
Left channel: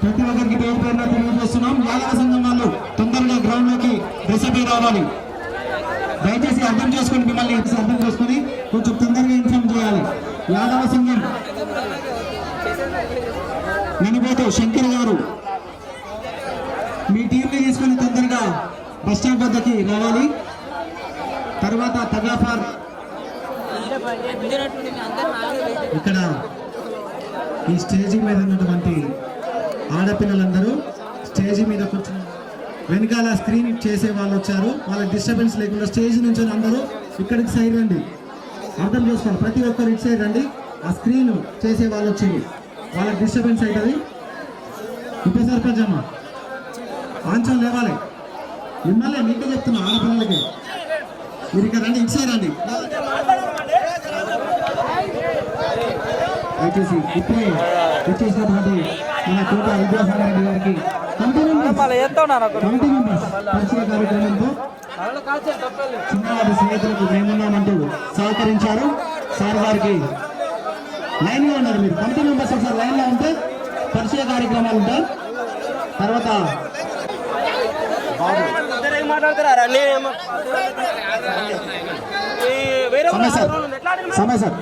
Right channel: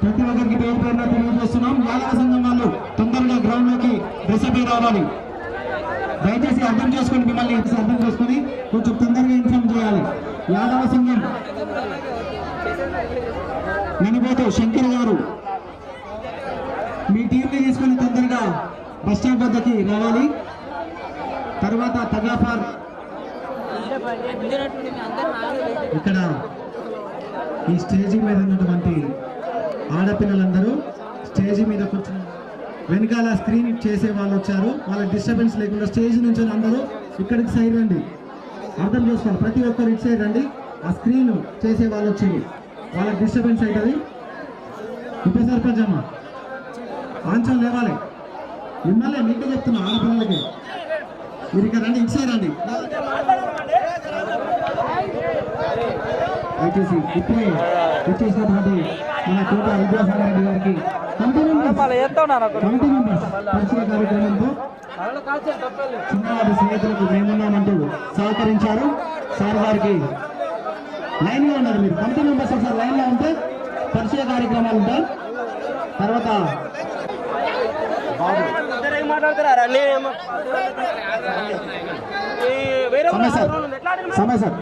ప్రతి ఒక్కరికి పేరు పేరున తెలియజేస్తున్నాం. యాదవ సంఘం వాళ్ళు తొందరగా గ్రౌండ్ లోకి రిసెప్ట్ రావాలి. దయచేసి అర్థం చేసుకొని మిమ్మల్ని అర్థం చేసుకొని కొంచెం తొందరగా ఇన్ఫార్మ్ చేయాలి. యాదవ సంఘం నినబోతు శంకర్ గారు మీ టీంని తీసుకొని తొందరగా బస్ స్టాండ్ వద్దకి రావాలి. తర్వాత తగాఫార్ ఇక్కడ ఈ స్టేజీ మీద ఉన్నటువంటి ఆడపిల్లలందరూ స్టేజీ మీద కూర్చుని వెనకాల స్క్రీన్ చేసే వాళ్ళు వచ్చారు. వాళ్ళ డిస్టర్బెన్స్ లేకుండా స్టేజ్ నుంచి అందరూ ఇక్కడికి సైడ్ రండి. అర్థం చేసుకోండి, ప్రతి ఒక్కరు ఇటు సైడ్ రండి. ఆ స్క్రీన్ చేసే వాళ్ళు వచ్చి వాళ్ళకి డిస్టర్బెన్స్ అవుతుంది. ఉప సర్పంచ్ అమ్మ ఆంచలు లేవాలి. మిమ్మల్ని మీకే చెప్తున్నా, ఆడపిల్లలకి మీరు ఇక్కడ రండి, ఇటు సైడ్ రండి. దయచేసి ఇప్పుడే వచ్చేసినటువంటి మన కోట విద్యాసాగర్ గారికి కమిటీ మెంబర్స్ పరిచయ కార్యక్రమంతో చిన్నవారి స్నేహితులకు మేమున్నామంటూ సహకరించారు. సార్ గారికి లైన్ లో ఉన్నారు. మీరు కమిటీ మెంబర్స్ ఒకసారి లైన్ లో ఉంటే పరిచయ కార్యక్రమాలు ఉంటాయి. తర్వాత సమయ సార్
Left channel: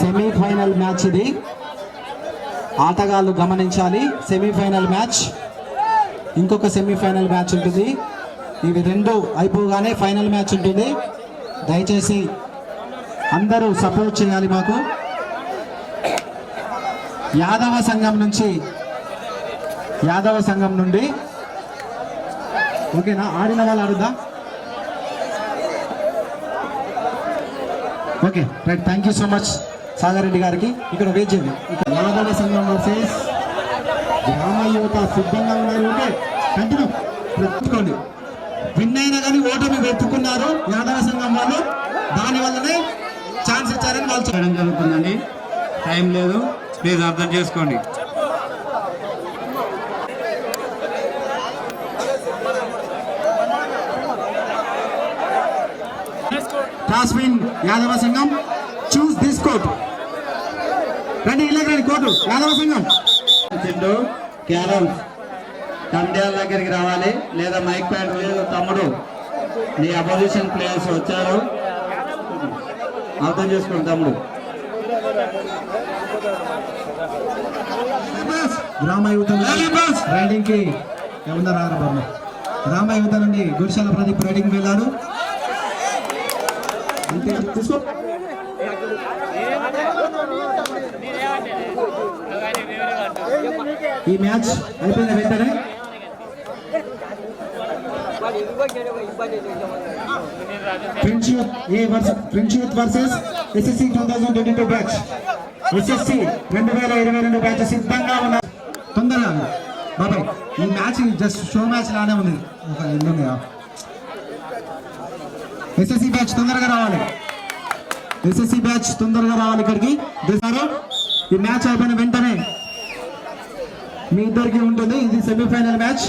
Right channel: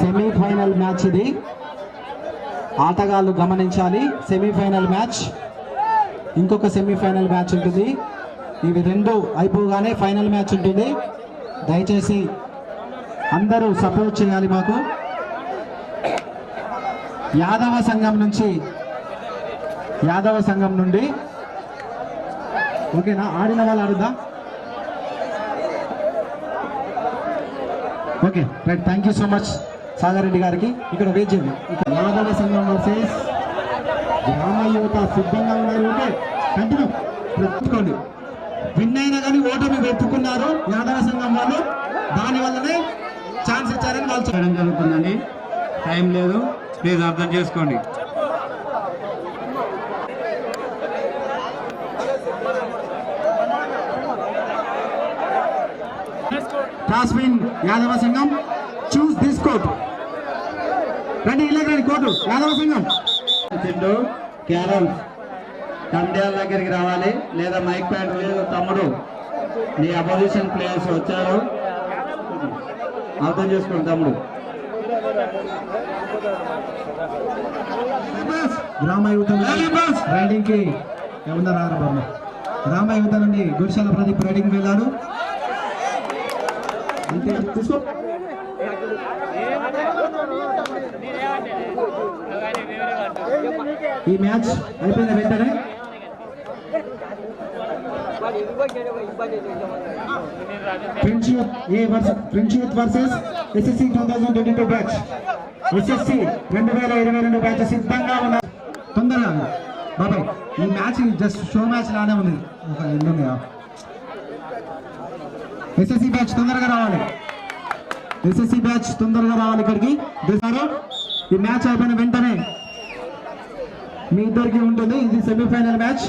సెమీఫైనల్ మ్యాచ్ ఇది. ఆటగాళ్ళు గమనించాలి, సెమీఫైనల్ మ్యాచ్. ఇంకొక సెమీఫైనల్ మ్యాచ్ ఉంటుంది. ఇవి రెండు అయిపోగానే ఫైనల్ మ్యాచ్ ఉంటుంది. దయచేసి అందరూ సపోర్ట్ చేయాలి మాకు. యాదవ సంఘం నుండి ఓకేనా? ఆడిన వాళ్ళు ఆడుద్దా? Okay right, thank you so much Sagar Reddy గారికి. ఇక్కడ వెయిట్ చేయండి. ఇక్కడ యాదవ సంఘం వర్సెస్ గ్రామ యువత సిద్ధంగా ఉన్నారు. Okay continue వెతుక్కోండి. విన్ అయినా కానీ ఓటమి వెతుకున్నారు యాదవ సంఘం వాళ్ళు. దానివల్లనే ఛాన్స్ ఇచ్చారని వాళ్ళు చేయడం జరుగుతుందండి. టైం లేదు, ప్లీజ్ అర్థం చేసుకోండి. టాస్విన్ యాదవ సంఘం చూస్ దిస్ కోర్ట్. రండి ఇలాగ రండి కోర్టు. యాదవ సంఘం చింటూ క్యారల్ కండియాల దగ్గరికి రావాలి, లేదా మైక్ ప్యాడ్ లేదు. తమ్ముడు నీ అపోజిషన్ ప్లేయర్స్ వచ్చారు, అర్థం చేసుకోండి తమ్ముడు. గ్రామ యువత రైడింగ్ కి ఏమన్నా గ్రామ యువత నుండి గుడిశాల ప్రదీప్ రైడింగ్ వెళ్ళాడు. అంతే తీసుకో. ఈ మ్యాచ్ అయిపోయిన వెంటనే French youth versus SSC 2022 batch. SSC 2022 batch సిద్ధంగా ఉన్నారు. తొందరగా బాబాయ్, ఈ మ్యాచ్ జస్ట్ షో మ్యాచ్ లానే ఉంది. ఎస్ఎస్సి బ్యాచ్ తొందరగా రావాలి. ఎస్ఎస్సి బ్యాచ్ తొందరగా రావాలి ఇక్కడికి. ఈ మ్యాచ్ అయిపోయిన వెంటనే మీ ఇద్దరికి ఉంటుంది. ఇది సెమీఫైనల్ మ్యాచ్.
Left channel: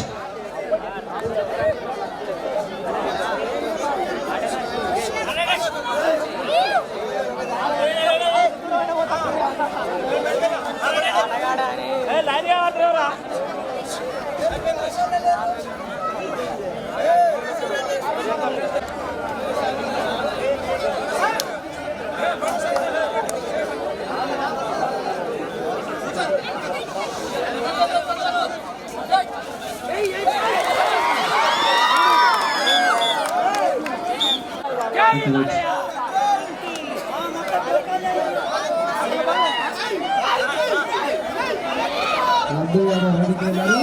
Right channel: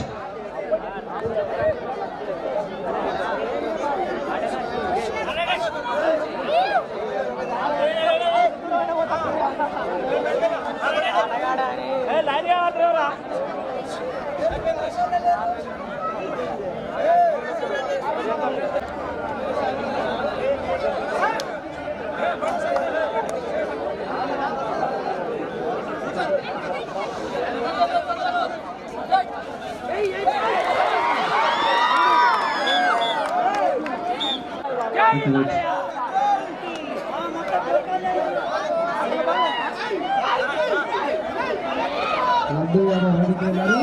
లడ్డు గారు రెడీకి వెళ్ళారు.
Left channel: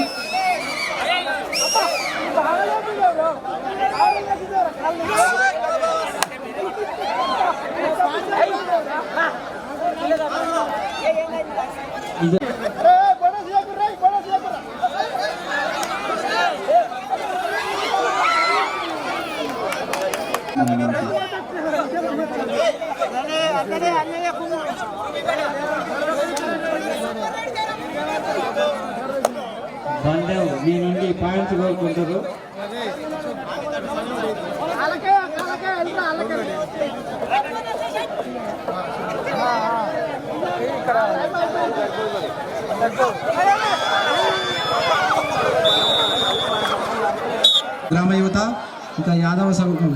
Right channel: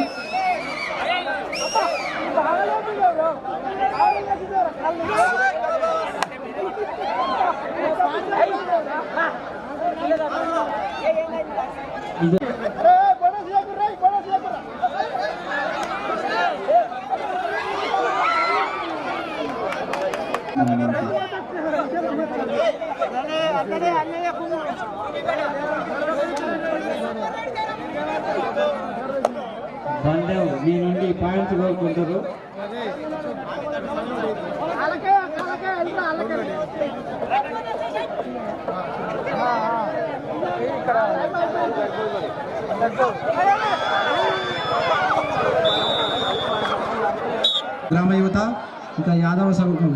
బందేవ్ మీ నుండి పాయింట్స్ కోరుకుంటారు. గ్రామ యువత ఇంకా యాదవ సంఘం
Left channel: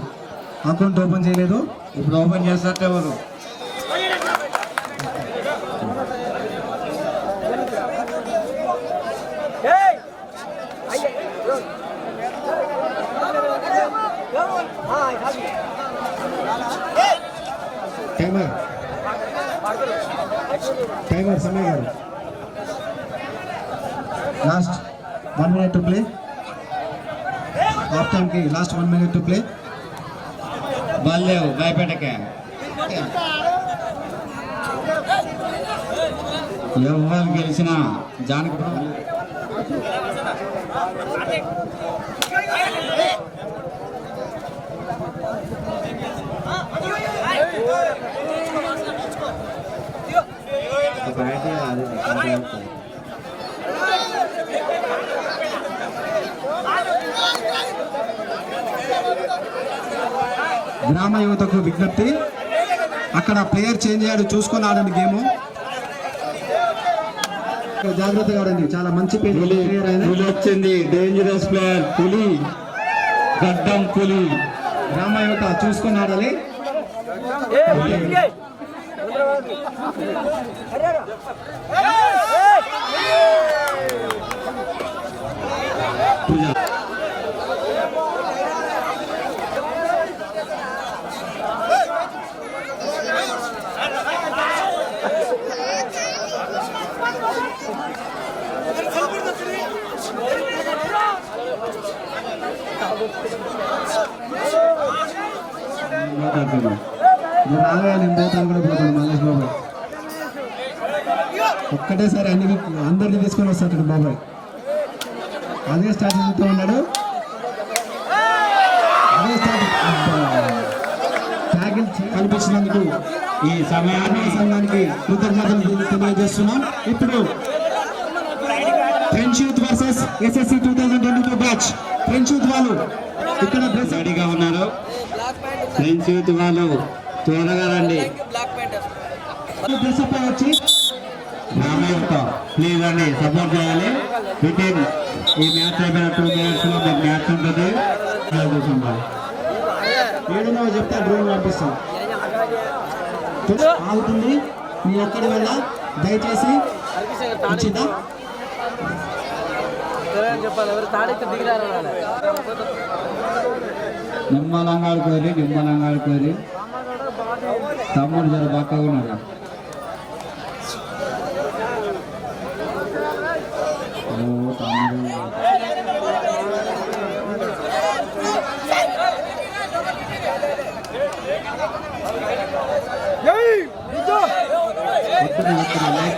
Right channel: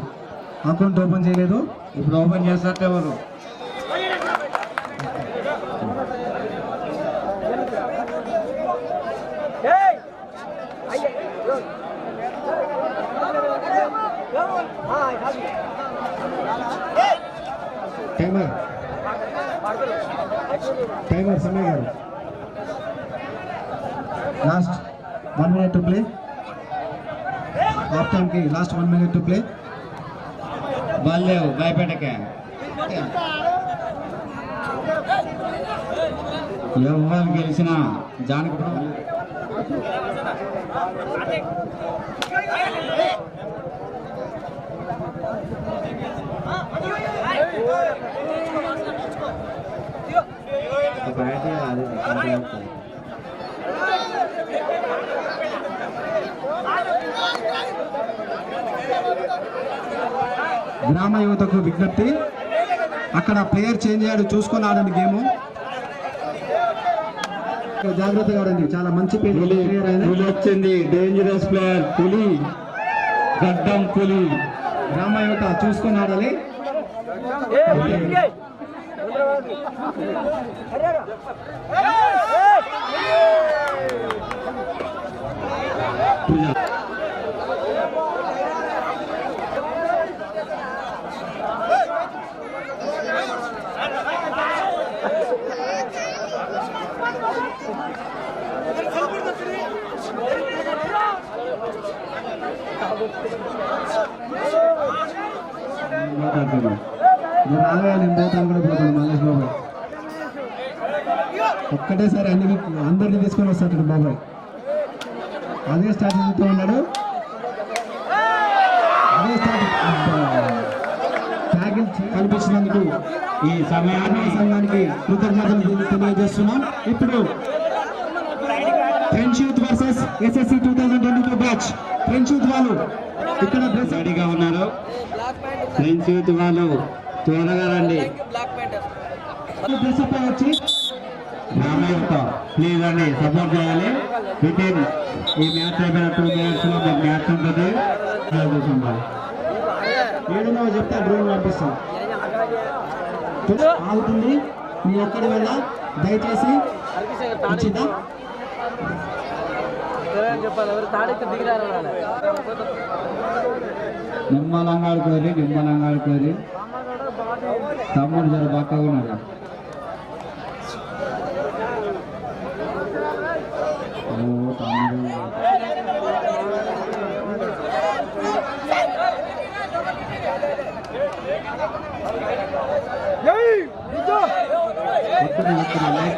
అకౌంట్ ఓపెన్ చేయలేదు. ఇప్పుడు ఓపెన్ చేస్తారు ఎవరు? టైమర్ సమయ గారు last 1 minute to play. Half time కి last 1 minute to play. Baldev గాయపేటకే ఎవరు గెలిచినా జానకి గ్రామ యువతకు విజ్ఞప్తి, అక్కడ ప్లేయర్ చేంజ్ అయ్యాడు చూసుకొని ఆడండి గేమ్. జాగ్రత్తగా ఆడండి. చాలా మంచి ప్లేయర్ ఆయన. పులి వచ్చింది, డేంజరస్ ప్లేయర్ పులి, గడ్డం పులి. గ్రామ యువత చూసుకొని ఆడాలి. రాగా నేను పోతాను కూడా పోతాను. మల్లేష్ బాబాయ్ ఒక్కటేసారి అందరినీ తీసుకొని వస్తాడు బాబాయ్. అదే స్ట్రాటజీతో ఉన్నాడు. అదే ట్యాగిల్ కల్పించినందుకు ఈ సమయాన్ని సంఘానికి కృతజ్ఞతలు తెలియజేస్తున్నాం. ఇప్పుడు French youth versus SSC 2022 batch. French youth వాళ్ళు ఇక్కడ రెడీగా ఉన్నారు. ఫ్రెంచ్ యూత్ వాళ్ళు త్వరగా రండి. డ్రెస్అప్ వచ్చి ప్లీజ్ అండి సపోర్ట్ చేయాలి. వితిన్ ఈ మ్యాచ్ అయిపోయిన 2 minutes లో మీకు మ్యాచ్ ఉంటుంది. ఏడున్నో చెప్తే డ్రోన్ పంపిస్తాం. ఆగుతుంది మీ ఎక్కడి వల్ల దయచేసి వచ్చిందా నిమ్మలంగా ఆడుకోరి తమ్ముడు జర బాగా ఉన్నాడు.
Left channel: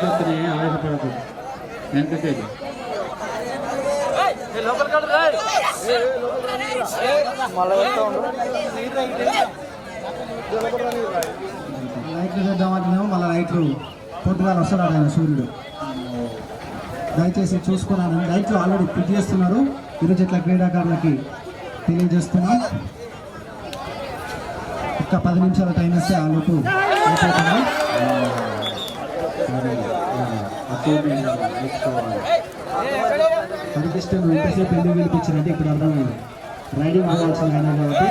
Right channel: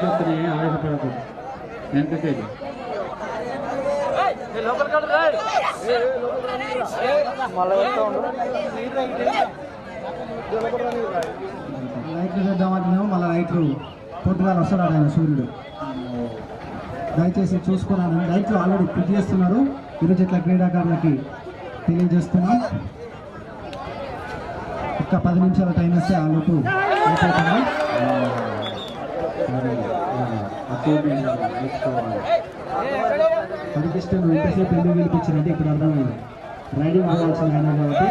వస్తున్నాయి ఆవేశపడదు. వెనకకేది లైట్లు చేద్దామంటున్నాము. మళ్ళీ లైట్లు పొద్దుగాల వస్తున్నాడు ఆయన సూర్యుడు. దయచేసి చూసుకున్నాను. లైట్లు ఆల్రెడీ ఫిట్ చేస్తున్నారు. ఇరు జట్ల క్రీడాకారులకి తెలియజేస్తున్నాం. ఒక్క 10 నిమిషాల టైం ఇస్తే ఆ లోపు అయిపోతుంది. హరికృష్ణ ఎంతసేపు ఎందుకు గెలిపించారంటే ఇప్పుడు అర్థమైంది. రైడింగ్ అవ్వాల్సిన ఆయన కాబట్టి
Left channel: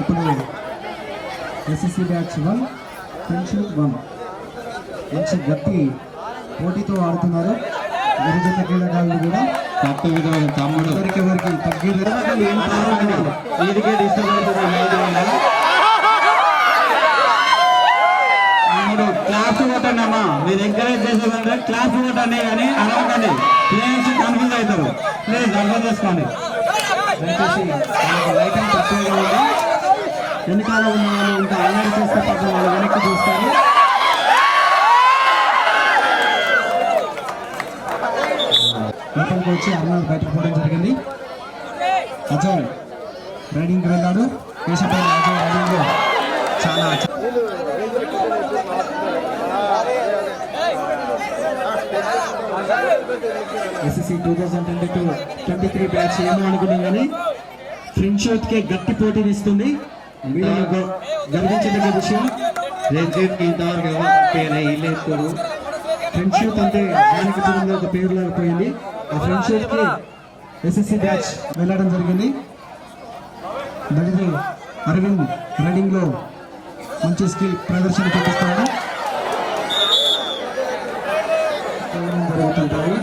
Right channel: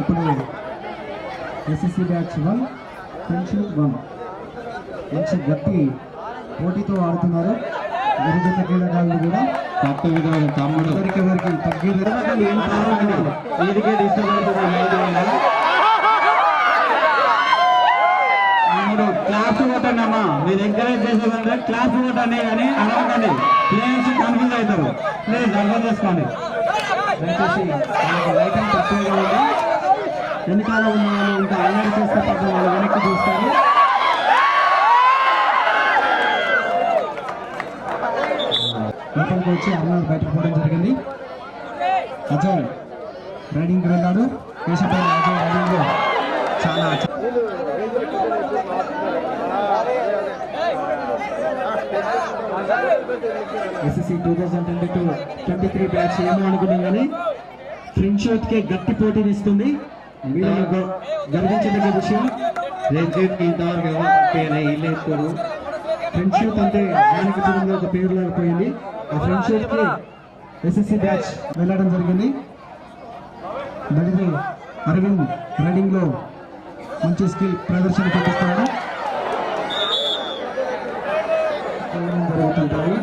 ఇప్పుడు SSC బ్యాచ్ 1 ఫ్రెండ్షిప్ 1 మంచి గట్టి పోటీతో ఆడుతున్నారు. ఇరు జట్ల క్రీడాకారులు కూడా కట్టు విధులు తమ్ముడు ఎవరికి తగ్గిరు వీడికే డిస్టర్బెన్స్ తమ్ముడు క్లాస్ కొట్టండి అమ్మా. మీరు ఎంకరేజ్ చేసేదంటే క్లాస్ కొట్టండి కానీ అడగండి. ప్లేయర్స్ కన్ఫ్యూజ్ అవుతారు. ప్లీజ్ అర్థం చేసుకోండి. దయచేసి లైటింగ్ తక్కువగా ఉంది. వెనకాల ఉన్న వాళ్ళు ఇంకా అల్లరి చేస్తే పాపం వాళ్ళు వెనక్కి చూస్తారు. లోపలికి వచ్చి అర్నాథ్ బయటకు పోవడం జరిగింది. అజయ్ రైడింగ్కి వెళ్ళాడు. కేశపల్లి అజయ్ రైడింగ్లో చాలా ఎస్ఎస్సి 2022-23 బ్యాచ్ ఏమో అనుకున్నాం కానీ ఫ్రెండ్షిప్కే గట్టి పోటీనిస్తుంది. వీళ్ళలో గర్వించదగ్గ విషయం రంజిత్ ఇంతవరకు ఎవరు ఇల్లేస్తారు. ఫ్రెండ్షిప్ అంటే దానికి దూరంలో ఒక పేరు లేకపోయింది. ఆ ఫ్రెండ్షిప్కి ఎస్ఎస్సి బ్యాచ్ వెళ్ళడం జరిగింది. దళిత అరవింద్ రైడింగ్లో మంచి స్కిల్ ప్రదర్శన చూపిస్తున్నాడు. జరుగుతుంటాయి.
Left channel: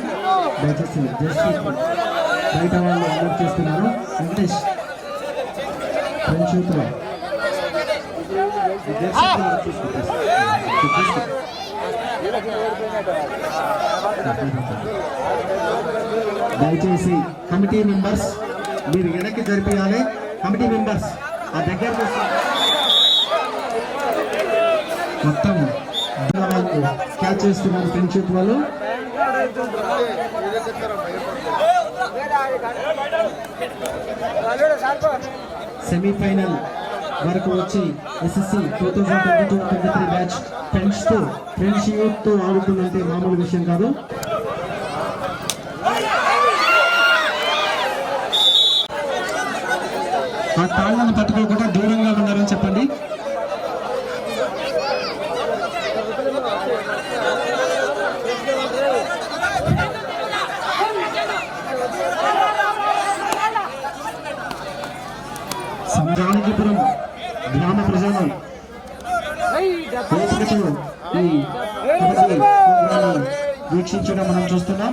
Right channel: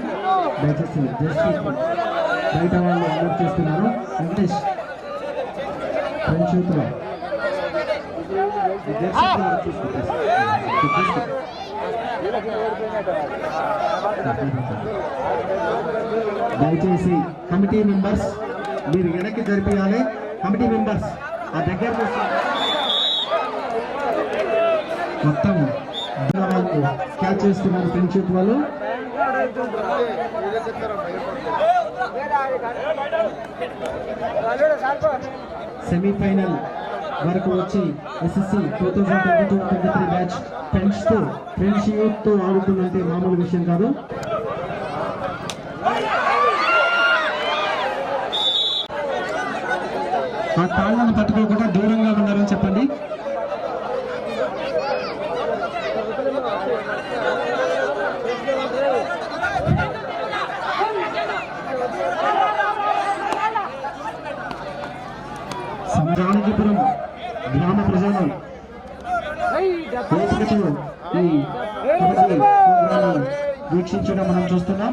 దయచేసి జస్ట్ బయట వాళ్ళు అలర్ట్ చేస్తున్నారు. వెంకటేష్ ఫ్రెండ్షిప్ దయచేసి కమిటీ మెంబర్స్ మీరు వెనక్కి జరిపించాలి. కమిటీ మెంబర్స్ ఆ దగ్గర మొత్తం క్యాచ్ చేస్తున్నారు ఫ్రెండ్షిప్ వాళ్ళు. సెమీఫైనల్ వరకు వచ్చి ఎస్ఎస్సి 2022-23 బ్యాచ్ ఫ్రెండ్షిప్తో ఆడుతుందంటే మామూలు విషయం కాదు. ఆ తాళ్ళను పట్టుకోకుండా దూరంగా ఉన్నారని చెప్పండి. జానకిపురం గ్రామ ప్రజలు ఓపికతో ఈ ప్రోగ్రాన్ని వీక్షించడం మనం చూస్తున్నాం.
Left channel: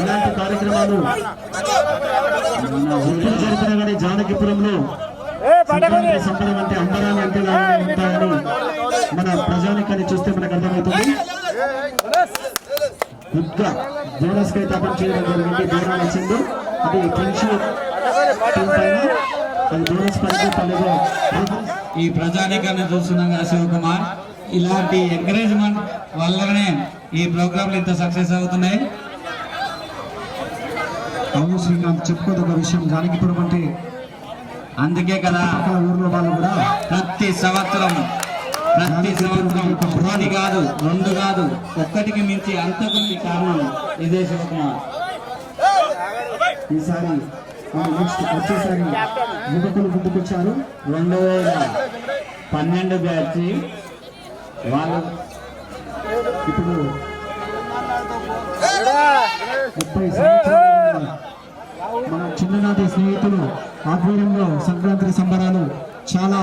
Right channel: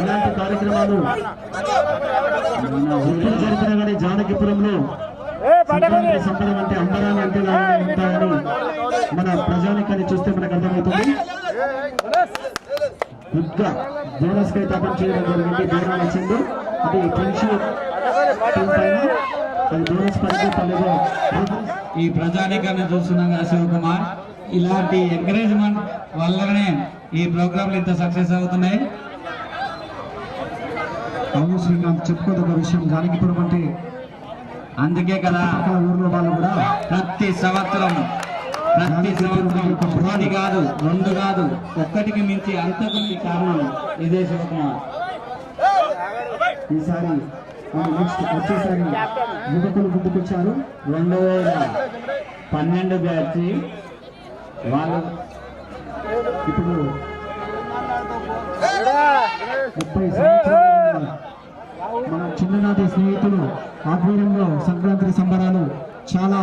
ఇలాంటి కార్యక్రమాలు ఎప్పుడు జరిపినా కానీ జానకిపురంలో సంక్రాంతి సంబరం అంటే అంబరాలు అంటే ఉంటాయని మన ప్రజానికాన్ని చూస్తే మనకు అర్థమవుతుంది. గుడ్గా బోనస్ కై తపన చేయడం జరిగింది. బోనాలు వచ్చింది. అది ఫ్రెండ్షిప్ టీం పైన అది బోనస్ పడలేదు. ఈ ప్రజానీకాన్ని చూస్తున్నాం కదా శివకుమార్, ఇలాంటి ఎంకరేజ్మెంట్ వల్లనే ఈ ప్రోగ్రాంలు ఇంత సక్సెస్ అవుతున్నాయి. అవును శ్రీకాంత్, చెప్పుకోదగ్గ విషయం. జానకిపురం అంటే అందుకే కదా ఊర్లో వాళ్ళు కూడా ప్రతి సంవత్సరం ఒకటి కాదు, రెండు కాదు, ఒక్కటికి మించి అంతకు కారణం ఇదే శివకుమార్. ఈసారి నెక్స్ట్ వచ్చేసారి యువకులు ముందుకొచ్చారు. 2012 బ్యాచ్ వాళ్ళు ఇప్పుడు 30 సంవత్సరాల మన చిన్ననాటి స్నేహితులు ఆధ్వర్యంలో సంక్రాంతి సంబరాలు చాలా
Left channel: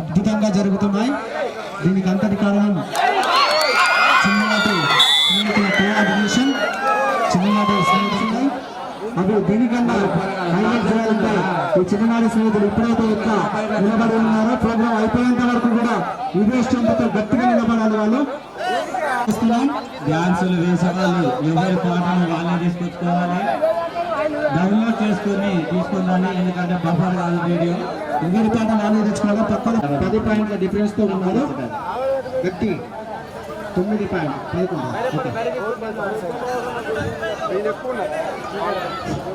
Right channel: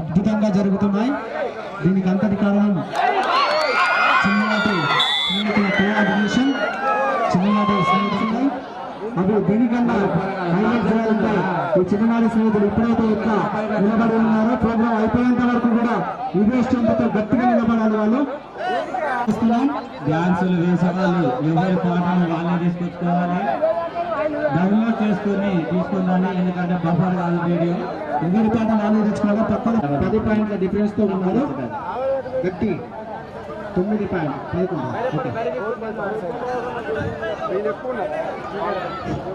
అద్భుతంగా జరుగుతున్నాయి. దీనికి అంతటి కారణం చిన్ననాటి స్నేహితుల కోఆర్డినేషన్, చిన్ననాటి స్నేహితులు. అవి దీనికన్నా హైలైట్ చేయాలంటే ఈ చిన్ననాటి స్నేహితులు ఎప్పుడైతే ఎక్కువ నిలబడి ఉన్నారో ప్రోగ్రాం అయిపోయేంత వరకు కూడా ఇదే స్ట్రెంత్తో గట్టిగా నిలబడాలి వాళ్ళు. డ్యాన్సులు వేసేవాళ్ళు ఎవరి పాటలు వాళ్ళే తీసుకొచ్చుకోవాలి, డౌన్లోడ్ చేసుకుని తీసుకుందాన్ని. ఎందుకంటే బఫర్ కాదు వీడియో, ఎవరి పాట వాళ్ళే తెచ్చుకోవాలి. పక్కన 10 పాయింట్ల డిఫరెన్స్ తో ఉన్నారు. గట్టి 9 పాయింట్ 11.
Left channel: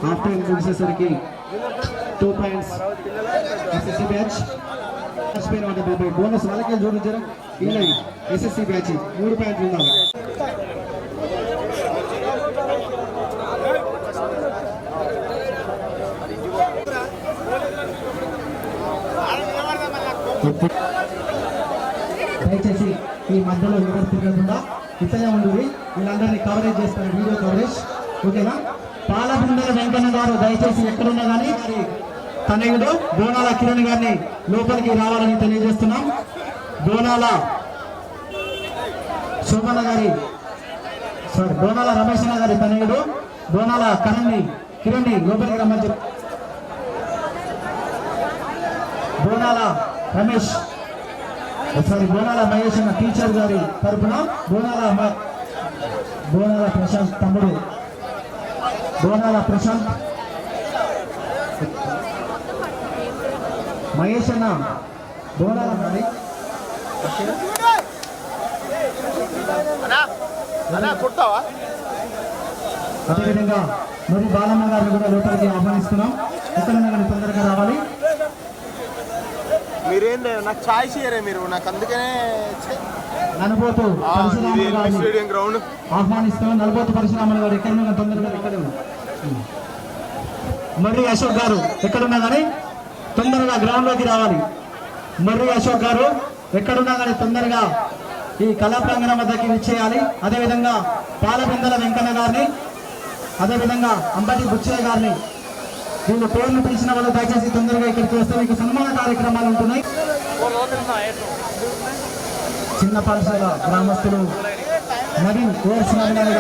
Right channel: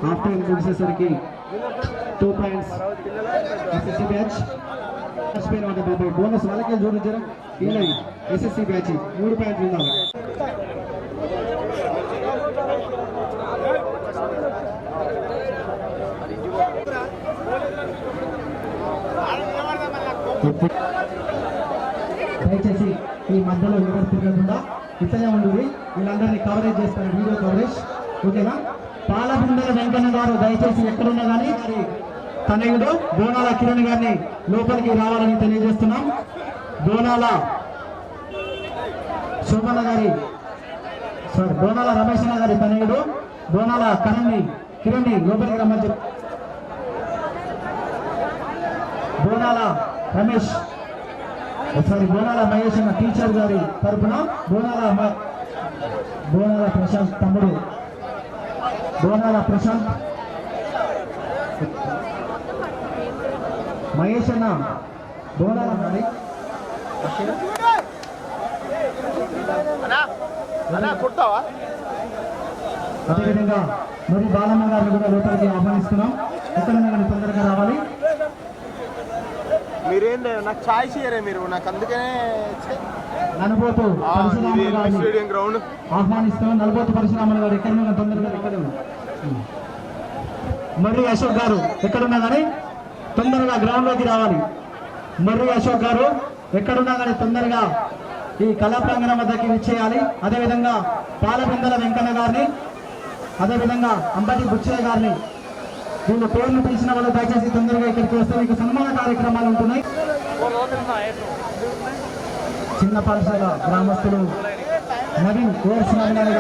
హాఫ్ టైం ముగిసేసరికి 2 పాయింట్స్ ఎస్ఎస్సి బ్యాచ్. బోనస్ వాళ్ళకే జోడించారు. ఇలా ఎస్ఎస్సి బ్యాచ్ 3 పాయింట్లు ఉన్నారు. దయచేసి ఈ మధ్యలో ఎవరు తిరగకుండా ఇతనే ఉండి వీళ్ళందరినీ కవరేజ్ చేస్తారు. వీడియో కవరేజ్ ఓకేనా. పాలబిందెల వెంకన్న గారు దయచేసి ఎక్కడున్నా కానీ తనయుడు బోనాల కిరణ్ గారిని లోపలికి రావాలని తెలియజేస్తున్నాం. బోనాల శోభన్న గారి బోనాల రమేష్ గారి తనయుడు బోనాల కిరణ్ని లోపలికి రమ్మని చెప్పి బోనాల రమేష్ బోనాల మహేష్ అన్న టీచర్ గారి తరఫున బోనాల ప్రశాంత్ తమ్ముడు బోనాల ప్రశాంత్ మహేష్ అన్న బోనాల మరి అదేవిధంగా మరి బాలమ్మ గారిని కూడా లోపలికి ఆహ్వానిస్తున్నాం. ఎక్కడన్నా కానీ తొందరగా రావాలి. మీరేంటి నాకు ఛాయిస్ ఇయ్యరే మీరు నాకు అందుకనే నలుబోతు పరశురాములు గారిని స్టేడియం గ్రౌండ్ ఆహ్వానిస్తున్నాం. నలుబోతు పరశురాములు గారు ఎక్కడన్నా తొందరగా ఎక్కడ మర్రి అశోక్ గారు ఎక్కడున్నా కానీ తొందరగా గ్రౌండ్ లోకి రావాలి. మర్రి అశోక్ గారు ఎక్కడున్నా కానీ తొందరగా ఈ కళా ప్రాంగణం వద్దకి విచ్చేయాలి. అదేవిధంగా పాలబిందల వెంకన్న గారిని, అదేవిధంగా అంబటి బుచ్చయ్య గారిని, వీళ్ళు పేర్లు పిలిచిన వాళ్ళు దయచేసి తొందరగా ఇక్కడికి వస్తే మీకు సన్మాన కార్యక్రమాలు ఉంటున్నాయి. చిన్న పాఠశాల గ్రామస్తులు నవీన్ గారు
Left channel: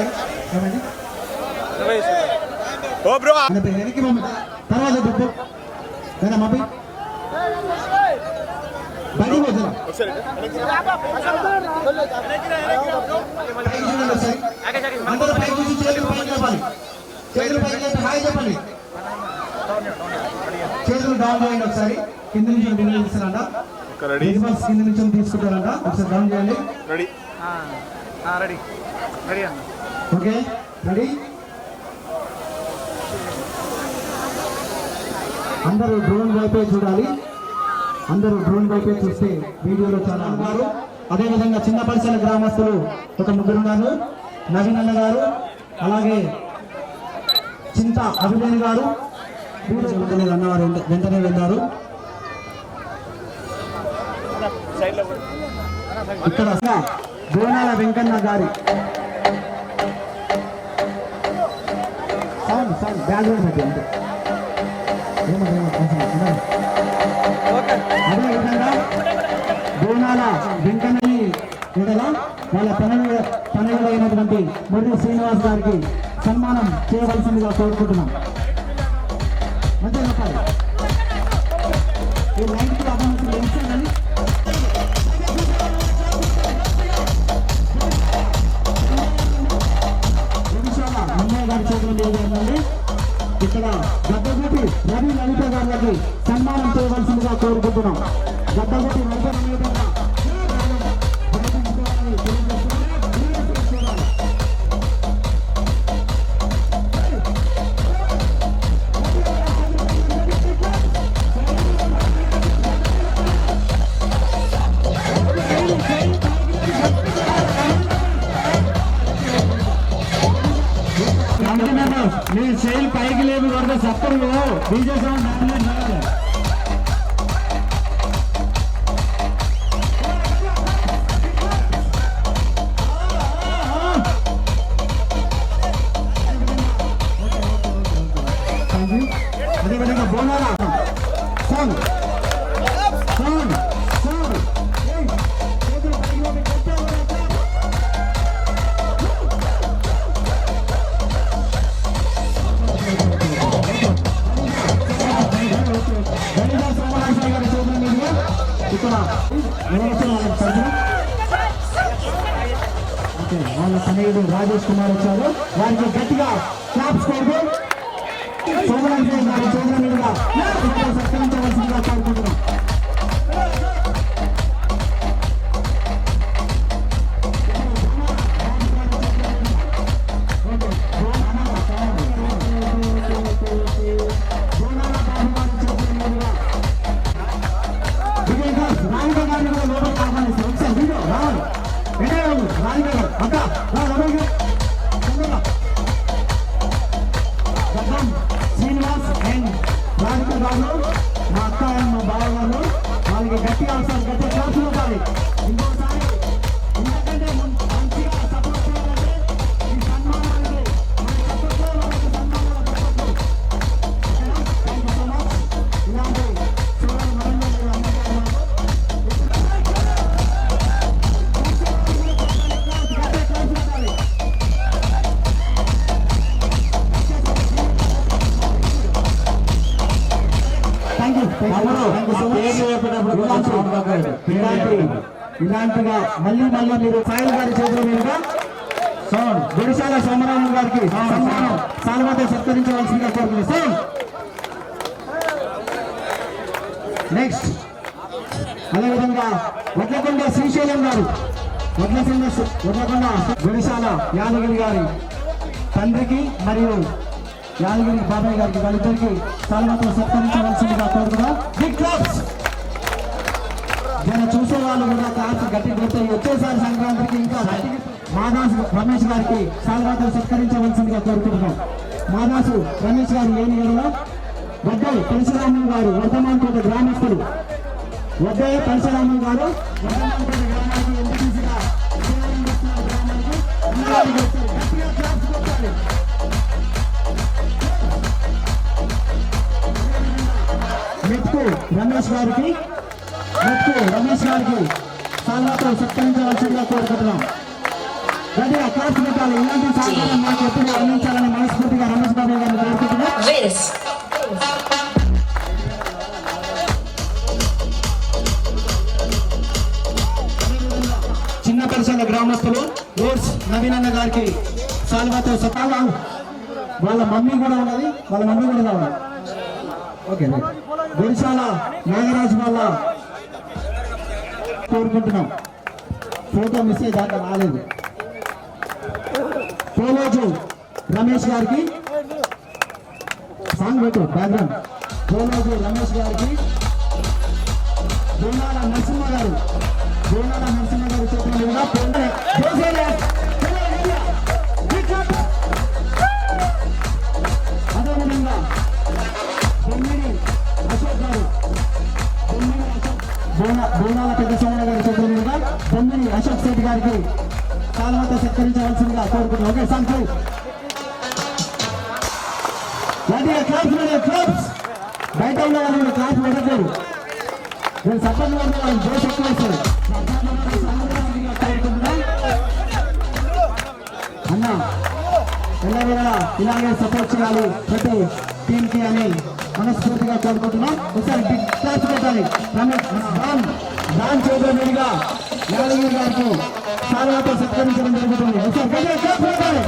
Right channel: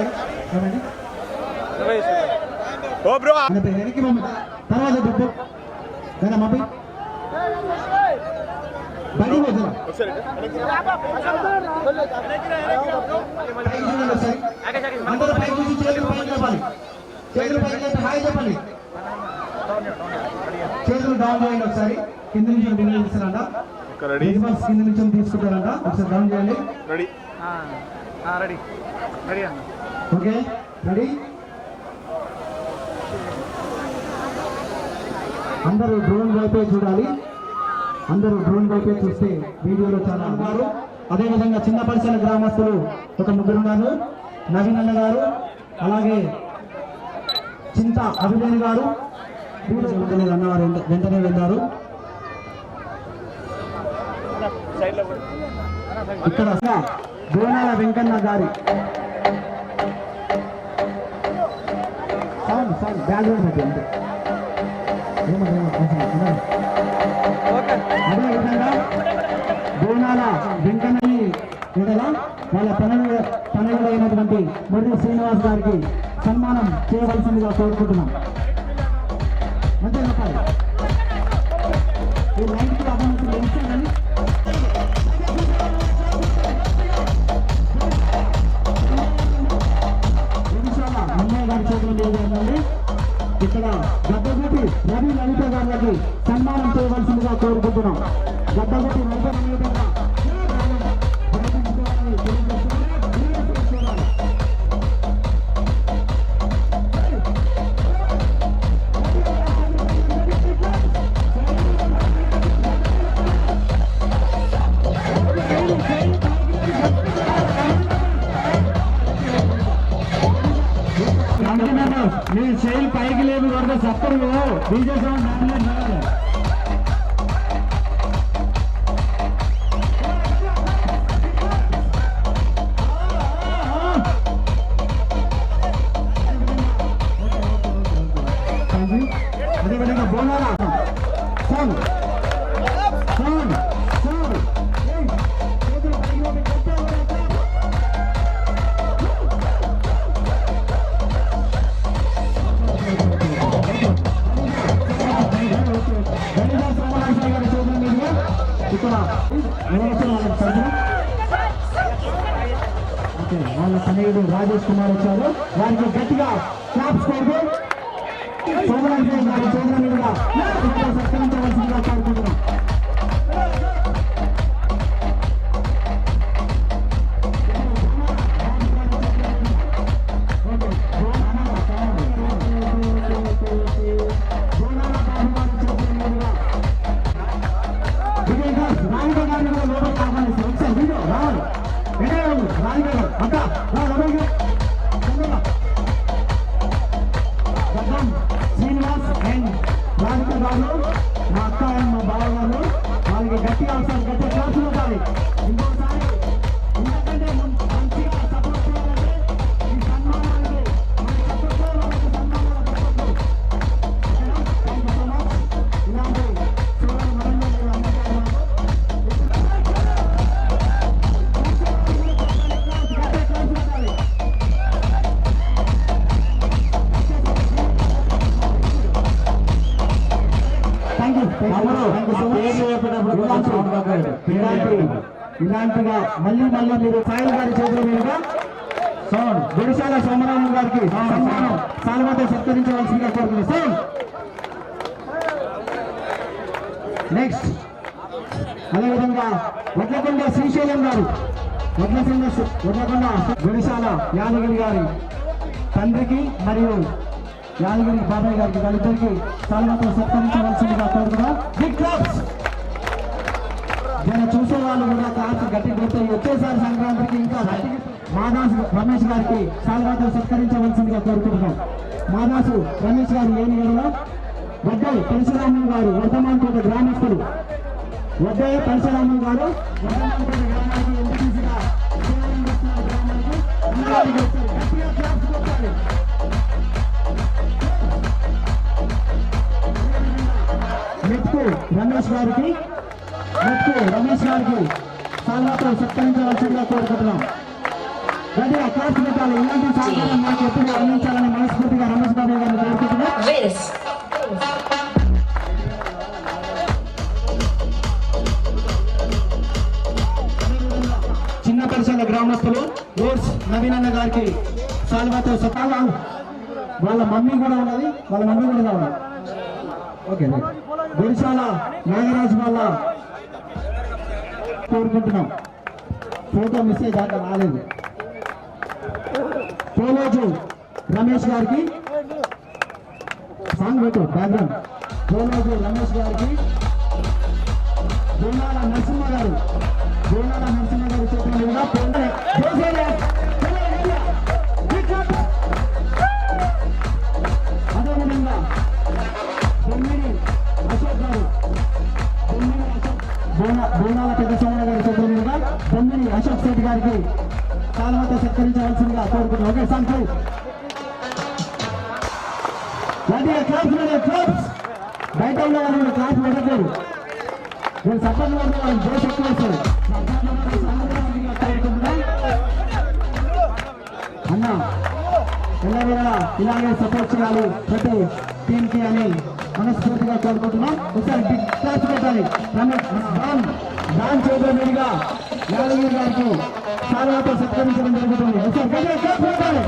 వెనక్కి మమ్మీ తర్వాత దుబ్బు మమ్మీ బడి అందరూ పైకి చూసి చేతులు పైకి చెప్పాలి. చేతులు పైకి చెప్పి హాయ్ చెప్పండి. చేతులు డౌన్ చేయండి. ఒకసారి కింద నుంచి బిల్లు తీస్తారంట. కింద నుంచి తీసుకుంటారంట. ఒకసారి డౌన్ చేయండి. Okay ready. అందరూ డ్రోన్ వైపే చూడాలి. అందరూ డ్రోన్ వైపే చూస్తే వీడియోలో చాలా ఉన్నారు. అదేవిధంగా చిన్న పరిసర గ్రామస్తులు ఒక ముగ్గురు ఉన్నారు. నవీన్ అన్న గారు, అలాగే చింత అభిజన్ గారు అన్నవారు వెంటనే వెళ్ళారు. ఇక్కడ బోనాల వెంకన్న గారి బ్యాక్గ్రౌండ్ పెట్టి అంతే. అదేవిధంగా బోనాల వెంకన్నని కూడా వాళ్ళ పనులైనటువంటి మొదటి శ్రీనివాస్ గారికి సన్మానం చేయవలసిందిగా కోరుకుంటున్నాం. మంచిగా చెప్పాలి. ఈ లైన్కి అభివృద్ధి తెలుస్తుందని అన్నయ్య గారి చేతులు లేదండి. ఇక్కడ గద్దగుటి రవి లలిత గారికి సన్మానం చేయవలసిందిగా కోరుకుంటున్నాం. గద్దగుటి రవి మీ చేయి పైకి లేదు వరద చెప్పరు డీజే సౌండ్ అదేవిధంగా బోనాల సాంగ్ వాళ్ళ సన్నిహితుడు రాజేష్ కుమార్ వచ్చారు. వారికి గట్టిగా క్లాప్స్ కొడుతూ సోమరాజు గారి చేతుల మీదుగా సత్కరించవలసిందిగా కోరుకుంటున్నాం. ఇలాంటిగా మళ్ళీ మీరు సాయిల్ గారి చేతుల మీదుగా గుడిశాల సోమరాజు గారికి సన్మానం సాల్వాతో సత్కరించవలసిందిగా కోరుతున్నాం. నెక్స్ట్ అదేవిధంగా వడ్లకొండ శ్రీశైలం గారు వడ్లకొండ గుడిశాల యాదగిరి గారి తండ్రికి మరియు యాదగిరి బాబాయ్ గారికి వాళ్ళిద్దరికి సాల్వాతో సత్కరించవలసిందిగా కోరుతున్నాం. Big claps. నేను చూసే వాళ్ళు కూడా కాస్త గట్టి కొట్టాయి. వచ్చేసారి సంక్రాంతికి ఇంకా మాదాసు రమేష్ గారికి సాల్వాతో సత్కరించవలసిందిగా కోరుకుంటున్నాం. మాదాసు రమేష్ గారు లేని ఏరియాలో వడ్డై పరశురామన్ గారు వర్ధమాన్పేట గ్రామస్తులు వడ్డై పరశురామన్ గారు వర్ధమాన్పేట గ్రామానికి ఎంపీసీగా సేవలు చేస్తున్న గ్రామానికి అన్నగారికి వచ్చారు. గట్టిగా క్లాప్స్ కొట్టాలి. మెట్కు రమేష్ గారికి సాల్వాతో సత్కరించవలసిందిగా కోరుకుంటున్నాం. గట్టిగా క్లాప్స్ పెట్టాలి. ఇలాంటి సహకారం మాకు ఎప్పుడు అందించాలని మనస్ఫూర్తిగా రమేష్ బాబు గారిని కోరుకుంటున్నాం. చిన్న పరిసర గ్రామస్తులు ఓట్స్ నవీనన్న గారికి సాల్వాతో సత్కారం. వాళ్ళ మమ్మీ కూడా ఉన్నది, వాళ్ళ మమ్మీ కూడా కావాలి. ఓకే గుడిశాల నాగరాజు వాళ్ళ కోరుకుంటున్నాం. ఫోటో మిస్ అయ్యి దాకా రాలేదు. పోలోజు రమేష్ గారికి సాంగ్ పెట్టు బ్యాక్గ్రౌండ్. పోలోజు రమేష్ గారికి బోనాల నరసింహ గారు చేతుల మీదుగా అదేవిధంగా బొమ్మిడి అశోక్ గారు బోనాల పెద్ద సోమయ్య గారి చేతుల మీదుగా బొమ్మిడి అశోక్ శెట్టి గారికి సాల్వాతో సత్కరించవలసిందిగా కోరుకుంటున్నాం. ఓకే సంఖ్య క్లాప్స్ బయట ఉన్న వాళ్ళు క్లాస్ పెట్టట్లేదు. నేను సపోర్ట్ వాళ్ళు జోష్ ఎక్కువ వేస్తారు. అన్న ఎల్లవేళ ఇలాగే సపోర్ట్ చేయాలి ప్రతి టీంకి అని మనస్ఫూర్తిగా కోరుకుంటున్నాం. ఒకసారి బిగ్ క్లాస్ పెట్టాలి. దాని చేతుల మీదుగా యాదగిరి గారికి సాల్వాతో సత్కరించడం జరుగుతుంది. ఒకసారి క్లాస్ పెట్టాలి.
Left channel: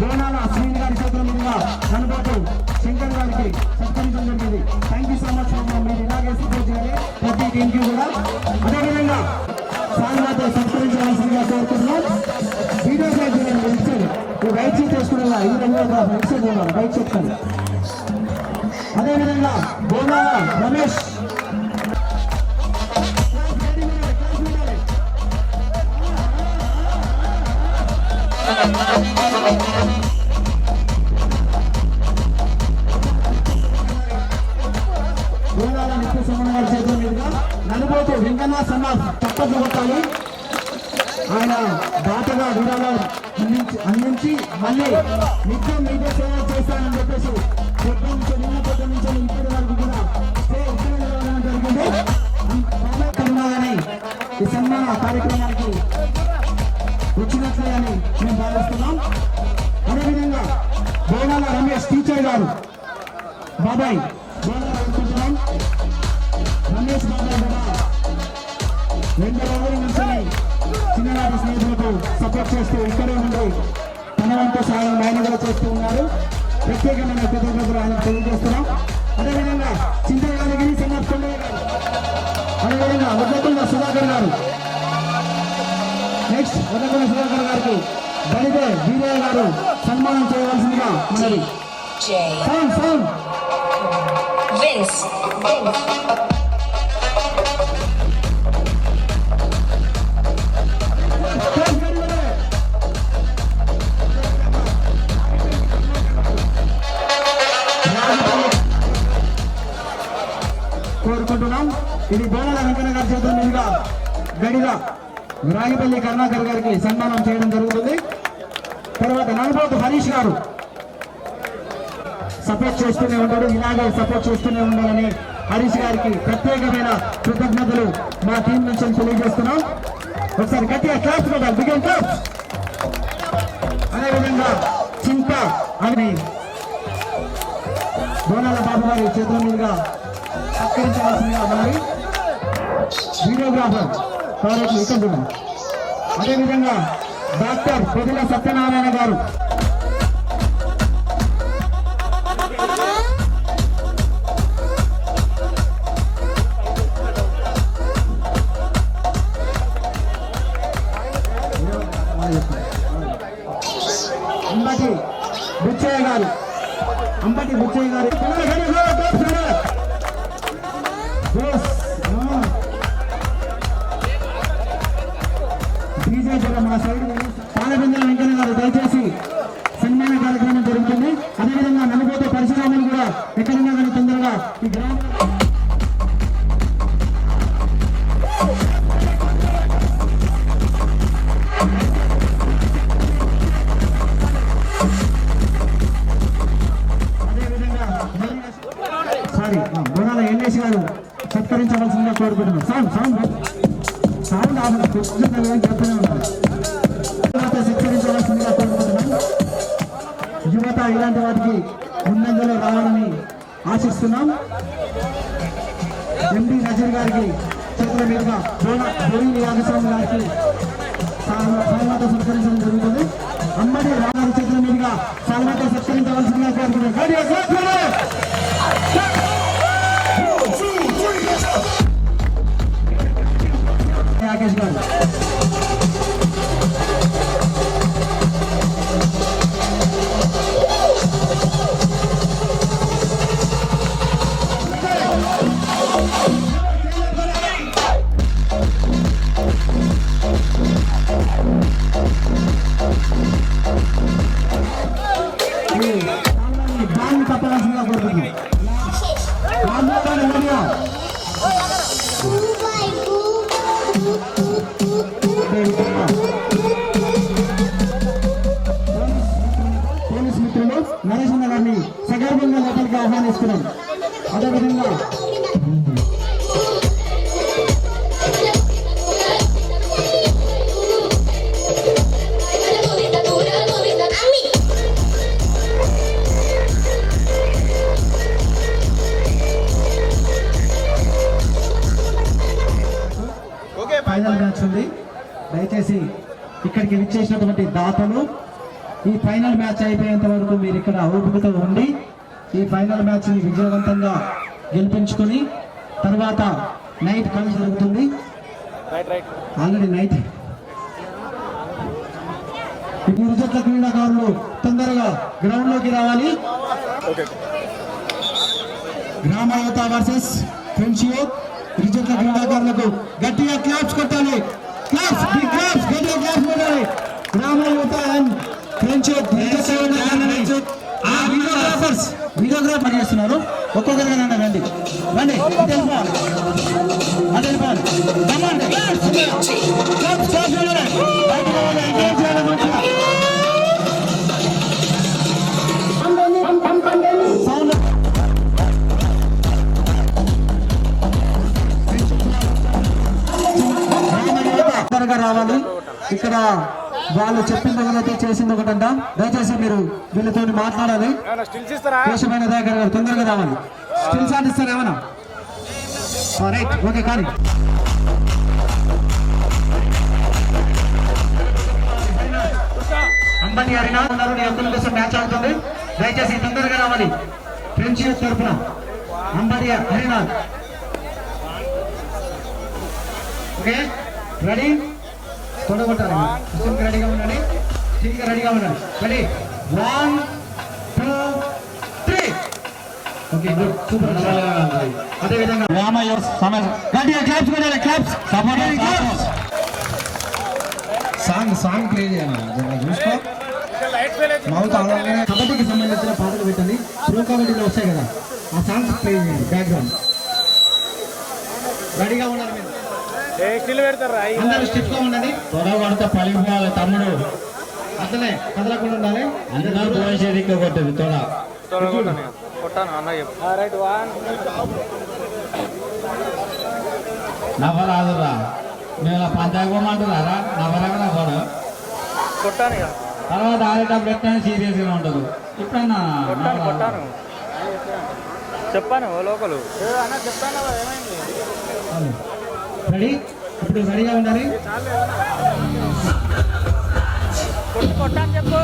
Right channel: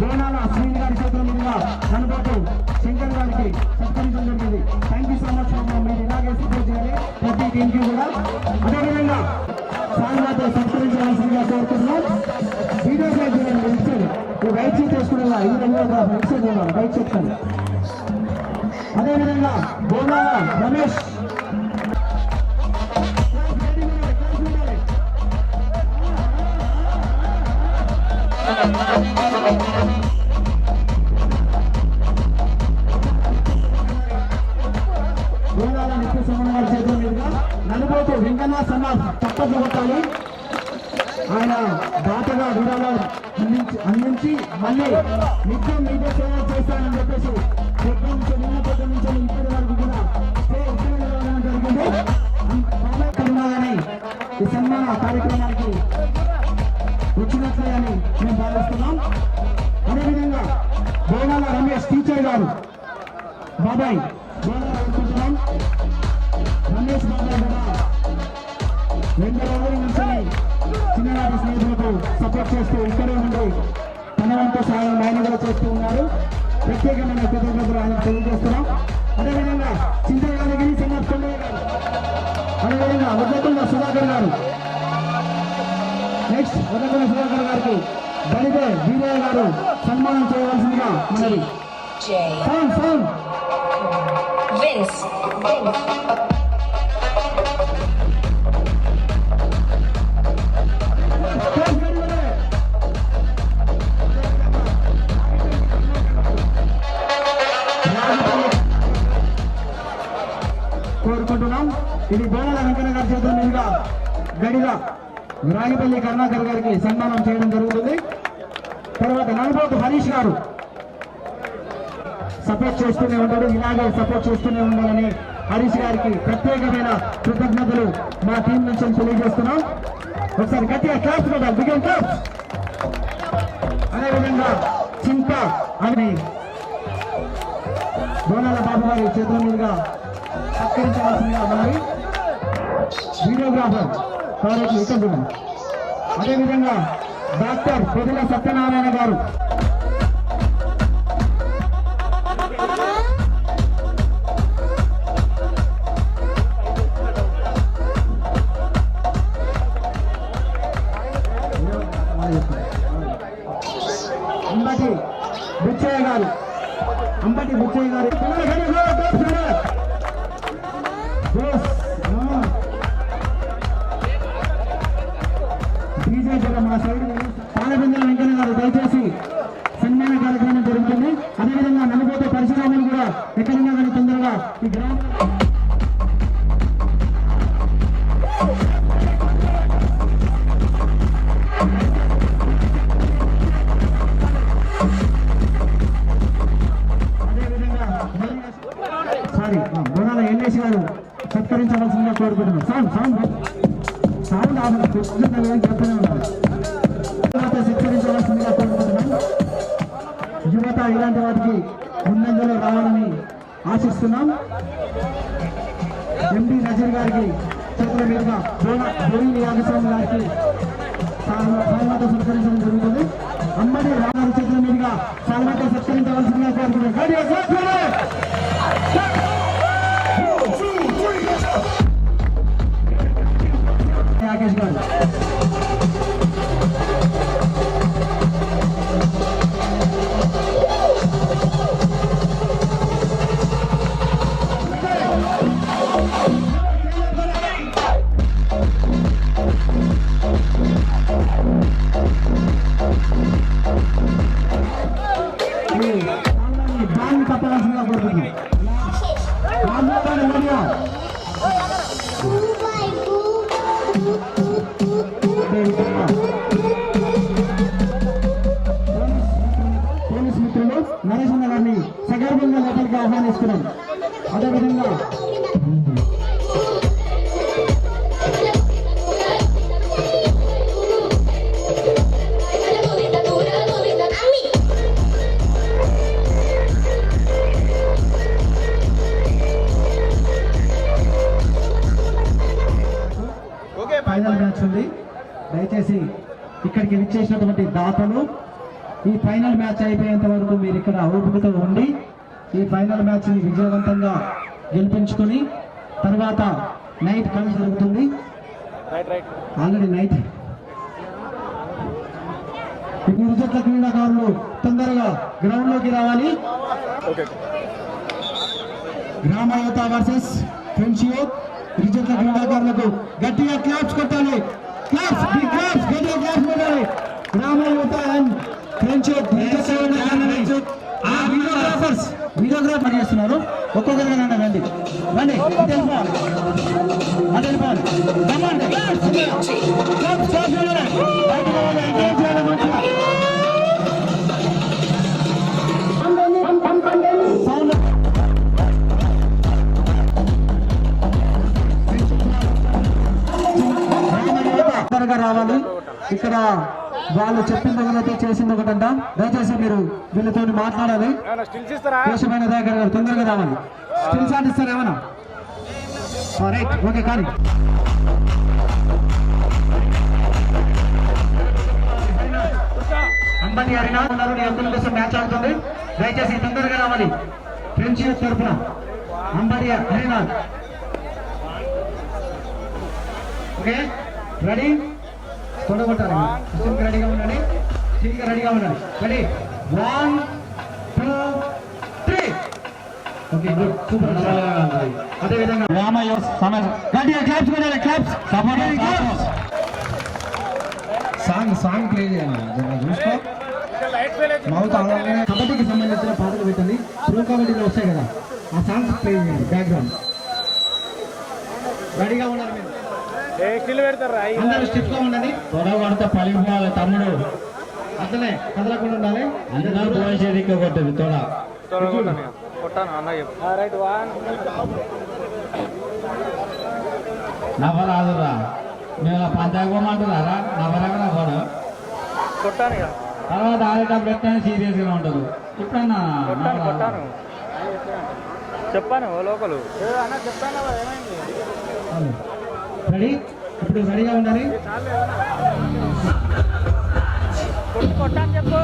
బోనాల శ్రీని గారి చేతుల మీదుగా కనబోతు శంకర్ గారికి సత్కరించడం జరిగింది. Thank you so much. మీరు ఇలాగే సపోర్ట్ చేయాలి ప్రతి టీంకి కూడా. అదేవిధంగా సాల్వాతో సత్కరించవలసిందిగా కోరుకుంటున్నాం. వీడియో బైక్ సీట్ వేసుకునేలా ఈ విధంగా బైక్ సీట్ ఉండాలి. బైక్ చెప్తాను. అదేవిధంగా బోనాల రమేష్ బోనాల నిత్య సోమన్న గారి చేతుల మీదుగా నలుబోతు వెంకన్న సన్నాఫ్ తప్పదు కొట్టాలి. ఆయన దాతగా విరాళం అందించి మళ్ళీ నిత్యం మీడియా సేవ చేస్తానని చెప్పేసి నిన్న పొద్దు నుంచి ఇప్పటి వరకు కూడా జరిగింది. ఈ సన్మాన కార్యక్రమానికి వచ్చినట్లే అని మేము భావిస్తున్నాం. అదేవిధంగా బోనాల రమేష్ టీచర్ గారు బాబాయ్ అనుకుంటున్నాం. రమేష్ బాబాయ్ కూడా 2 రోజుల నుంచి చిన్ననాటి స్నేహితులకు సపోర్ట్ చేస్తూ ఇక్కడే ఉండి తన వంతు సహాయం ఆయన కూడా చేస్తూ ఉన్నారు. ప్రత్యేకమైన కృతజ్ఞతలు ఆయన తెలియజేస్తున్నాం. అదేవిధంగా చింతయాదగిరి సన్నప్పయ్య గారు, అదేవిధంగా వడ్లకొండ సుధాకర్ గారు, నెక్స్ట్ వడ్లకొండ సుధాకర్ గారికి బలిదే వీరయ్య గారు సన్మానం చేయవలసిందిగా మరి సౌండ్ కోరుకుంటున్నాం. ఇది బోనాల వెంకన్న గారి చేతుల మీదుగా గడిగా రాగిపల్లి కరుణాకర్ గారికి సన్మానం చేయడం జరుగుతుంది. తర్వాత నల్బోతు హరీష్ గారు సపోర్ట్ చేస్తూనే ఉంటాడు. ఇలాగే సపోర్ట్ చేస్తూనే ఉండాలని హరీష్ గారికి ప్రత్యేకమైన కృతజ్ఞతలు మా టీం నుంచి తెలియజేస్తున్నాం. ఒకసారి గట్టిగా క్లాస్ కొట్టాలి, బిగిన్ క్లాస్. అదేవిధంగా చింత అని బోనాల బాబు గారి చేతుల మీదుగా సత్కరించవలసిందిగా మరి వీడియోగ్రాఫర్ కాబట్టి ఇక్కడ చూడండి. అదేవిధంగా డాక్టర్ పొదుల సత్యనారాయణ గారు అంబటి బుచ్చయ్య గారు డీజే జగన్ మా సైడ్ పాలబిందల వెంకన్న గారు దయచేసి సన్మాన కార్యక్రమం జరుగుతుంది. అదేవిధంగా నలుగురితో పరిశ్రమలు కూడా ఎక్కడున్నా కానీ తొందరగా ఈ గ్రామం బోనాల ఎన్ఎస్ గారు సత్కరించవలసిందిగా కోరుకుంటున్నాం. సత్కరించవలసిందిగా కోరుకుంటున్నాం. యువత ఇలాంటి వాటికి ముందంజలో రావాలని ఆశిస్తున్నాం. ఎండి నజీర్ గారికి చేతుల మీదుగా బోయిని యాగస్వామి గారికి సాల్వాతో సత్కరించడం జరుగుతుంది. అమ్మడి రాగారి చేతుల మీదుగా సాల్వాతో సత్కరించవలసిందిగా కోరుకుంటున్నాం. రాకేష్ గారు బాగా తప్పవలసిందిగా కోరుకుంటున్నాం. పోలీస్ మిత్రులు నరేష్ గారిని సగర్భంగా లోపలికి ఆహ్వానిస్తున్నాం. అదేవిధంగా ఫైనల్ మ్యాచ్ ఉంది. దయచేసి ఇక్కడికి విచ్చేసినటువంటి దాతలు ఈ ఫైనల్ మ్యాచ్ అయిపోయేంత వరకు మీరు ఇక్కడ ఓపికతో ఉండి ఈ ఫైనల్ మ్యాచ్ ని విజయవంతంగా గెలిపించుకొని తర్వాత నైట్ కలిసి జరుగుతుంది. ఆల్రెడీ నైట్ ఇరు జట్ల క్రీడాకారులు తొందరగా గ్రౌండ్ లోకి రావాలి. గ్రామ యువత వర్సెస్ ఫ్రెండ్షిప్. ఇరు జట్ల క్రీడాకారులకు గట్టిగా క్లాప్స్ కొట్టాలి. క్లాప్స్, బిగ్ క్లాప్స్, గట్టిగా క్లాప్స్ కొట్టాలి. గ్రామ యువత అండ్ ఫ్రెండ్షిప్ వీడియోగ్రాఫర్ చేస్తున్నారు. ఒక్కొక్కరిగా రండి రండి రావాలి. ఇక్కడ వాళ్ళు చెప్పింది ఒకటైతే చేసింది ఒకటంట. దయచేసి మీరు వీళ్ళతో మాట్లాడాలి. కేశమైన దగ్గర గారు తొందరగా రావాలి. స్టిల్స్ ఆడిస్తారు ఏమన్నా? Right, okay. కానీ అంబటి హరినా ఉన్నారు, నీ అందరి కోసం మ్యాచ్ ఆడుతుంది. దయచేసి తొందరగా రావాలి. ఫ్రెండ్షిప్ తరఫున అంబటి హరినా. Okay, ready? తొడగొట్టాలి. రెడీగా ఉండండి, రెడీగా ఉండండి. రెడీ, 1 2 3. Okay, super. అదేవిధంగా సాంగ్ ప్లే చేయాలి. చూసుకో, మౌత్ ఆడగానే కబడ్డీకి సంబంధించిన పాటలు పెట్టండి. ప్రో కబడ్డీలో వస్తాయి కదా, ఆ సాంగ్స్ ప్లే చేయండి బ్యాక్గ్రౌండ్. రెడీగా ఉండాలి. మీరు అందరూ స్టిఫ్ గా ఉండండి. తొడగొడత పలిపోవాలి తమ్ముడు. అట్లనే కదలకుండా ఉండాలి. అందరూ పోయేసేది కొట్టదు తొడ. నవ్వరాదురా నేను పంచాయతీ పోమంటున్నారా నవ్వరాగా నవ్వడు తర్వాత ఆడేటప్పుడు ఎట్లా సీరియస్గా ఉండదు ఇప్పుడన్నా చెప్పాను లోకలు రెడీ ఇప్పుడు రెడీగా ఉండాలి. కొట్టాను చెప్పు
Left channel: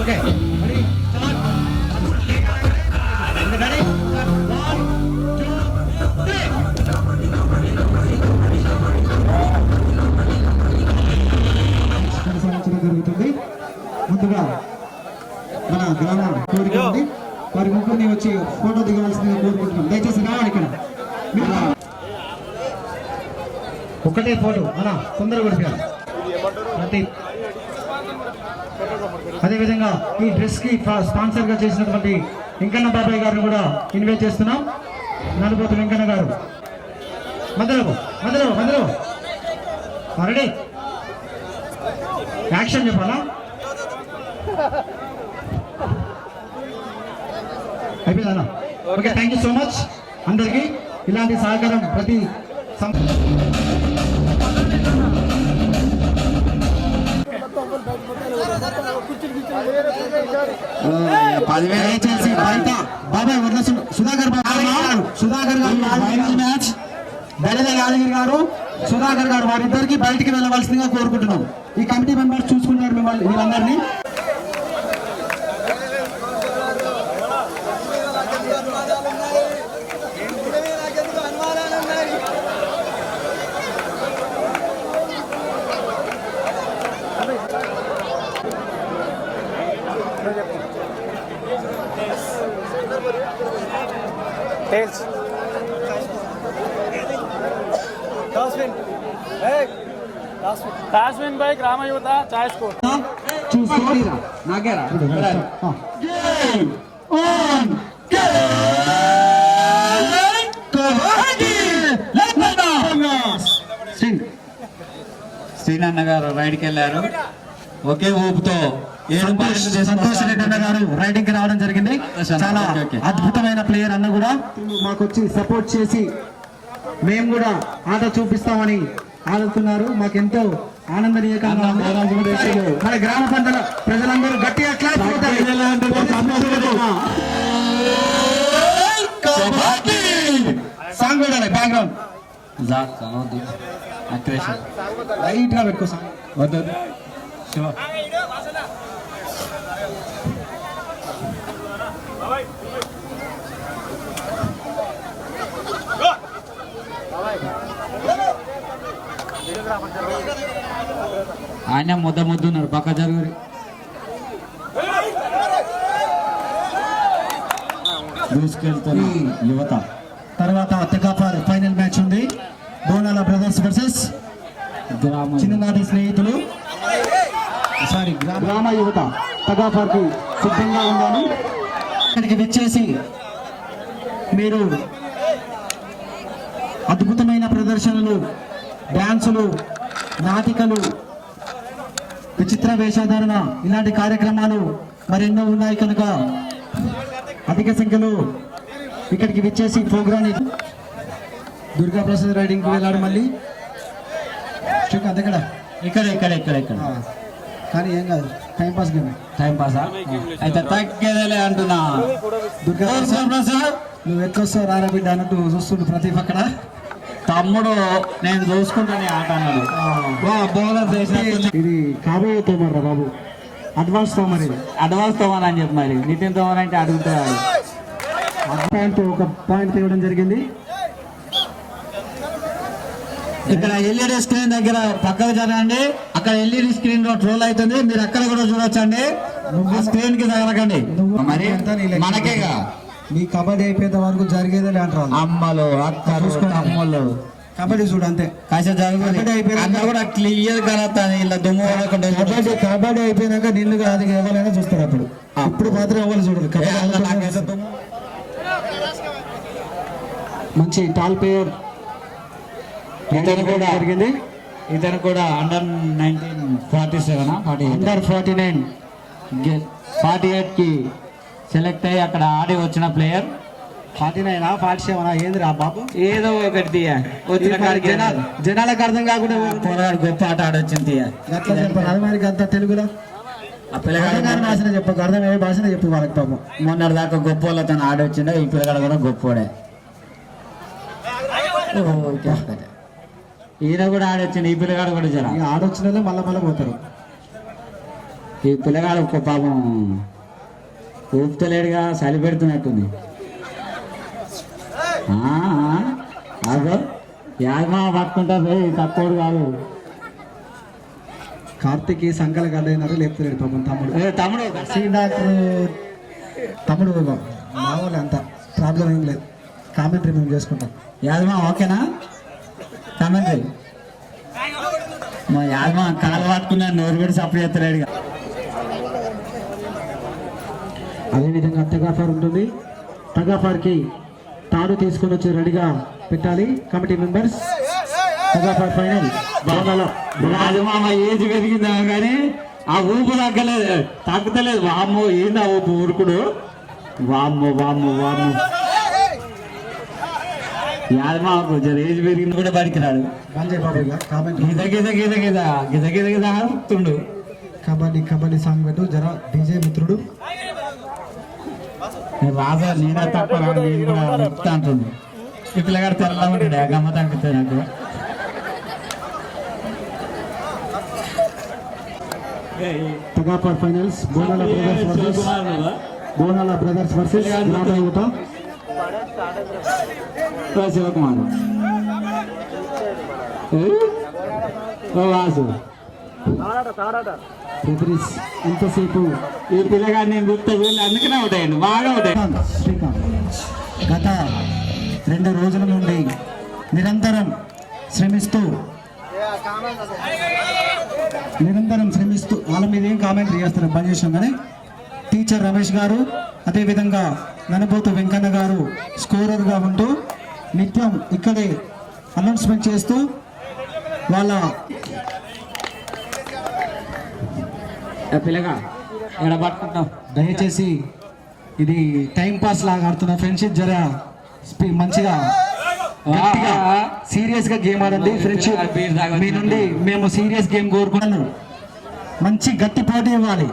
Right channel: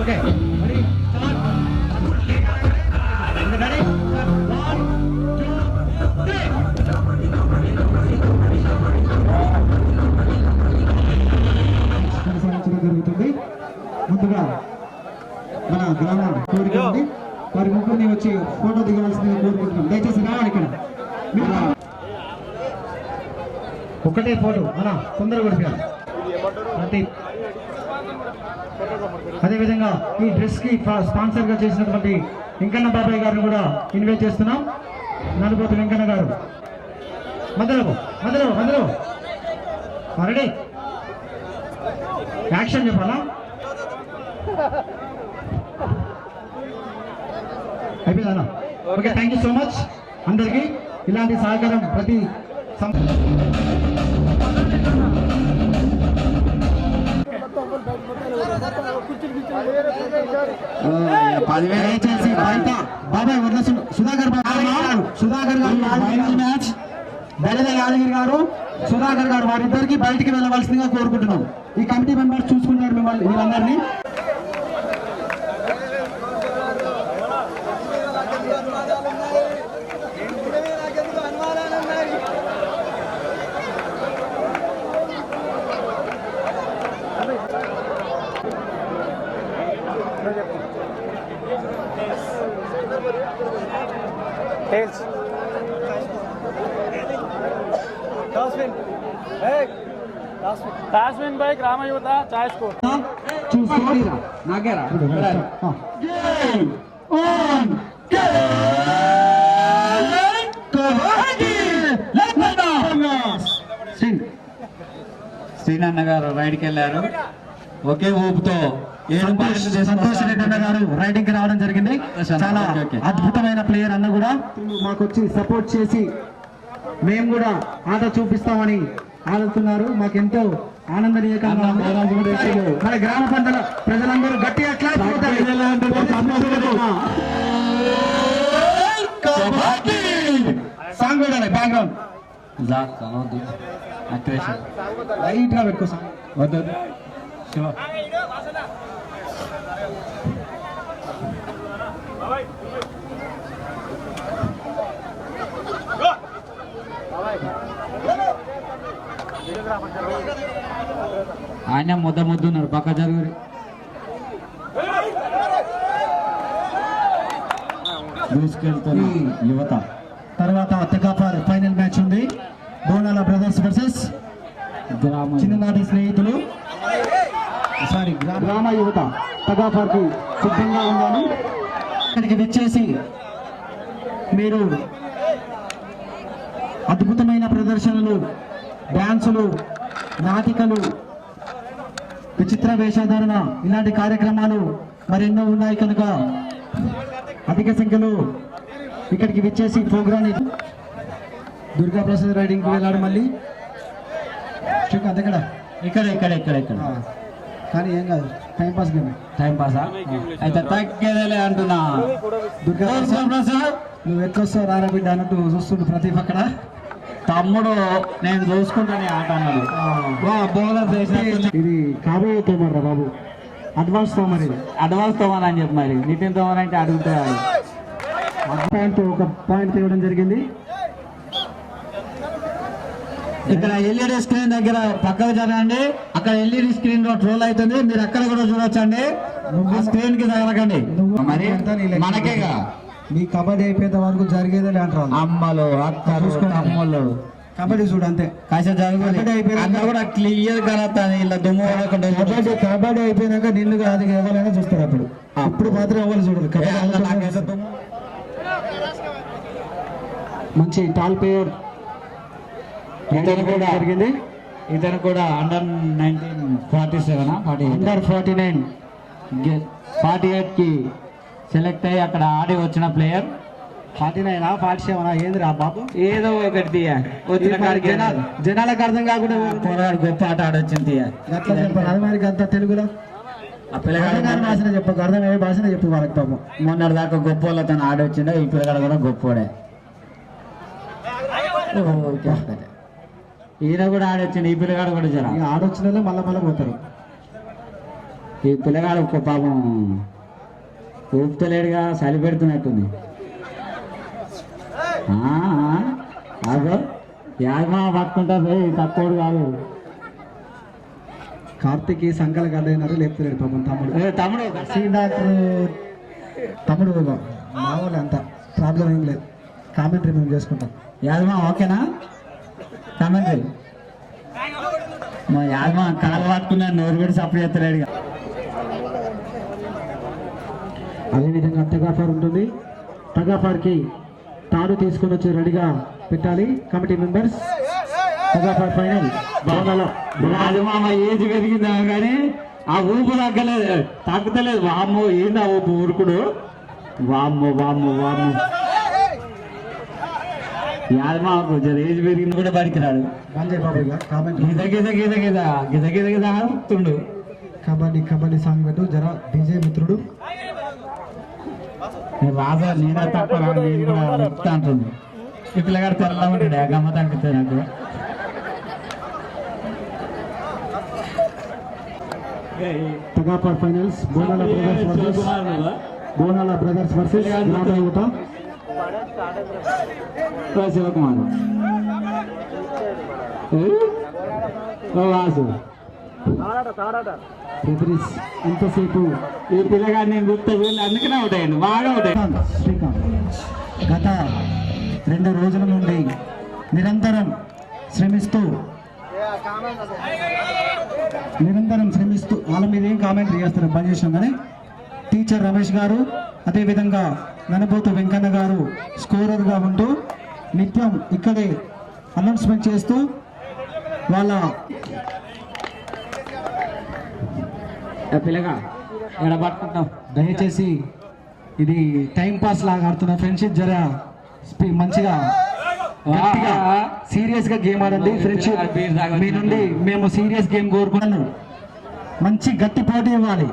ఓకే రెడీ స్టార్ట్. రెడీ 1 2 3 జరుగుతుంది. ముందుగా మన గ్రామ కోరిక ఉంది, వారి ముగ్గురిని వచ్చి ఫోటో దిగవలసిందిగా కోరుకుంటున్నాం. దయచేసి రావాలి ఇక్కడ. ఒకటే ఫోటో అలా తొందరగా కొడిపోయాలి. అదేవిధంగా ఈ డ్రెస్ కి స్పాన్సర్ గా చేసినటువంటి వెంకన్న బాబాయ్ గారిని కూడా ఇన్వైట్ చేస్తున్నాం. నలుపోతు వెంకన్న గారు మధ్యలో మధ్యలో మధ్యలో రెడీ యాక్షన్ చెప్పాలా? అయిపోయిందా? Okay, thank you so much అందరికీ. ఇలాంటి సహకారం ప్రతి దయచేసి బయట బాబాయ్ వద్ద సుధాకర్ గారు ఫైనల్ మ్యాచ్ దళిత యాదగిరి గారు సుధాకర్ గారు వారిద్దరికి బయటికి వెళ్ళవలసిందిగా కోరుకుంటున్నాం. ఈ కమిటీ మెంబర్స్ చూసుకుంటారు మిమ్మల్ని వీళ్ళందరినీ. టాస్మిన్ బై గ్రామ యువత చాయ్ స్కోర్ చూసుకోండి నాకేరా శ్రీనన్న గారు రైడ్కి వెళ్ళారు. ఒకే ఊపుతో సంతోష్ రెడ్డి అన్న గారు రైడింగ్ కి రావడం జరిగింది. చాలా అద్భుతమైన ప్లేయర్ అన్న కూడా మాకు వచ్చి సపోర్ట్ చేసి మేము కూడా ఆట చూపిస్తామని ఆడుతున్నారు. మాకెంతో ఆనందనీయకంగా మన గ్రామ పంటల ప్రజలందరూ గట్టిగా క్లాస్ సాంగ్ కూడా బ్యాక్గ్రౌండ్ లైట్ గా పెట్టుకో సాంగ్ వద్దు శివ. ఆయన ముద్దున్నారు పక్క జరుగురి దూసుకెళ్తున్న యువత. తర్వాత తెకాఫర్ ఫైనల్ మ్యాచ్ ఉంది. బోనాల బ్రదర్స్ వర్సెస్ చిన్ననాటి స్నేహితులు గ్రామ యువత. తెకాఫర్ కి సిద్ధంగా ఉన్నాను. ఇక్కడికి విచ్చేసి మీరు అద్భుతమైన ప్రదర్శనలు, డ్యాన్సులు, నాటికలు, విచిత్ర వేషధారణ ఇలాంటి కార్యక్రమాలు మరెన్నో ఉన్నాయి కనుక అధిక సంఖ్యలో ఇక్కడికి విచ్చేసి ప్రోగ్రామ్ దుర్గా ప్రసాద్ రైడింగ్ కి వెళ్ళాడు. మళ్ళీ అంతక్కడ ఇక్కడ ఇక్కడ ఇక్కడ ఇక్కడ కానీ ఏం కాదు, టైం పాస్ గేమ్. టైం పాసా అయితే తగ్గేదేలే అంటున్నా. దుర్గా ప్రసాద్ నువ్వు ఎట్లొస్తావు రారా బిడ్డ అన్నట్టు చూస్తుండు ప్రతి అక్కడ. తమ్ముడు నేను చూసుకుంటానే ఆట అన్నాడు. బౌలర్ ఇది కాబోయే తోమర్ రా బాబు, అడ్వాన్స్ తోమర్. ఇది అడ్వాన్స్ తోమర్ అని చెప్పి మరి నితిన్ తోమర్ అంటే అడుగుతాడు. ఒక పాయింట్ తేవడం జరిగింది. ఇక్కడ ఎల్ఈడి స్క్రీన్ దగ్గర పక్కకు జరగండి. అక్కడ ఎల్ఈడి స్క్రీన్ లో ట్రోల్ అవుతుంది, మీరు అక్కడ కూడా చూడొచ్చండి. స్క్రీన్ కి తగలకండి. మరి మనకేగా మీ కబడ్డీ అయిపోయేంత వరకు జరిగేదే అంటారు. అమ్మలు అక్కలు అమ్మలు కబడ్డీ చూడు అంతే. కాసేపు జరుగుతుంది కూడా క్లియర్ కనొస్తుంది. ఇలా దుమ్ము కబడ్డీ అయిపోయినాక నిన్ను కాదు ఎవరైనా చూస్తారు. అప్పుడు ఇప్పుడు మాత్రం ఎవరు చూడరు. మంచి టాల్ ప్లేయర్ ఇతను కూడా జరిగింది. ఇతను కూడా అండర్ 47 అండర్ 49 48 కి సెలెక్ట్ అయ్యి అక్కడ ఆడి వచ్చిన ప్లేయర్. 49 47 ఏందిరా బాబు ఏదో ఒకటి తీయ వచ్చిన కాడికి జనాలకు అర్థం కాకుండా పోరాడు గొప్ప ఆట ఆడొచ్చింది తీయ అట్లా చెప్పాలి అది మనకి అంత తెలుగులో ఆ పిల్లగాడు భాష చెప్పకు అర్థమయ్యే భాషనే చెప్పు వాళ్ళకి పాపం మొన్నటి దాకా గొప్ప వాళ్ళతో ఆడొచ్చిండే ఈ పిల్లగాడు కూడా గొప్పోడే ఈయన కూడా ఆడొచ్చిండు ఈ పిల్లగాడు కూడా జర ఇక ఆడొచ్చిన వాళ్ళే మళ్ళా పోతారు ఈ పిల్లగాడు ఒక్క పాపం ఊపుతలేడుగా చలి పెడుతున్నట్టుంది అదో యాగమా పట్టుకుంటా పోయి తక్కువడు కాదు కార్తీక్ సంకల గడ్డైనారు లేపుతలేడు పాపం తమ్ముడు తమ్ముడు సి డాక్టర్ తమ్ముడు మామూలు అంత ప్రాబ్లం ఏం లేదు కామెంటరీ మేము చేసుకుంటాం యాదమా ఓకేనా కామెంటరీ మా యాదమా కాలు పట్టుకున్నా నోరు పెట్టి సప్పుడు చేస్తలేడుగా అదేవిధంగా టగాఫార్ ఉంటుంది టగాఫార్కి తాడు తీసుకొని వచ్చి రెడీగా పెట్టాలి కమిటీ మెంబర్స్ టగాఫార్ ఫైనల్ బాలలో యాదమా ఏజ్ పెరిగిందా కానీ ఆ ఊపు తగ్గలేదు వామ్మో ఏంది ఆ ఊపు ఊరుకుడు వామ్మో యాదమాకు జర ఏజ్ పెరిగింది కూడా బడికిరాడు బంజయ్ బాబు ఇక కామెంట్ గిద ఊపుతుండు కబడ్డీ సాంగ్ పెట్టు జర డీజే మిత్రుడు రాజా నేనే తప్ప నేను కూడా చెప్తా అంటుంది ఈ పిల్లగాడు తెల్లగా ఉంటాడు గమ్మత అనిపిస్తుంది నాకు టగాఫార్ ఫైనల్స్ బోనాల బ్రదర్స్ వర్సెస్ యువత శివకుమార్ వాసు రెఫరీస్ ఎంతసేపు ఈ పిల్లగాడు నేను గుర్తు వీళ్ళు అందుకనే అవుతాయండి బాగా అవుతాయి శ్రీకాంత్ గత 2 రోజుల నుండి నిరంతరం శ్రమిస్తూ వాళ్ళ మీద ఏం కామెంట్ చేస్తారు పని చేసినాం కానీ టీచర్ రమేష్ గారు అదేవిధంగా ననబోతు వెంకన్న గారు స్కోరర్గా ఉంటూ నిత్యం ఇక్కడే అనౌన్స్మెంట్ చేస్తూ వాళ్ళ పిల్లగా ఎక్కడ పట్టుకుంటాం దయచేసి ఇది టైం పాస్ లాగా ఆడుతున్న ఫ్రెండ్షిప్ జర మంచిగా సీరియస్ గా గేమ్ ఆడండి ఫ్రెండ్షిప్ మీ నుండి మేము సీరియస్ గేమ్ కోరుకున్నాను మంచి గట్టి పోటీ ఇవ్వాలి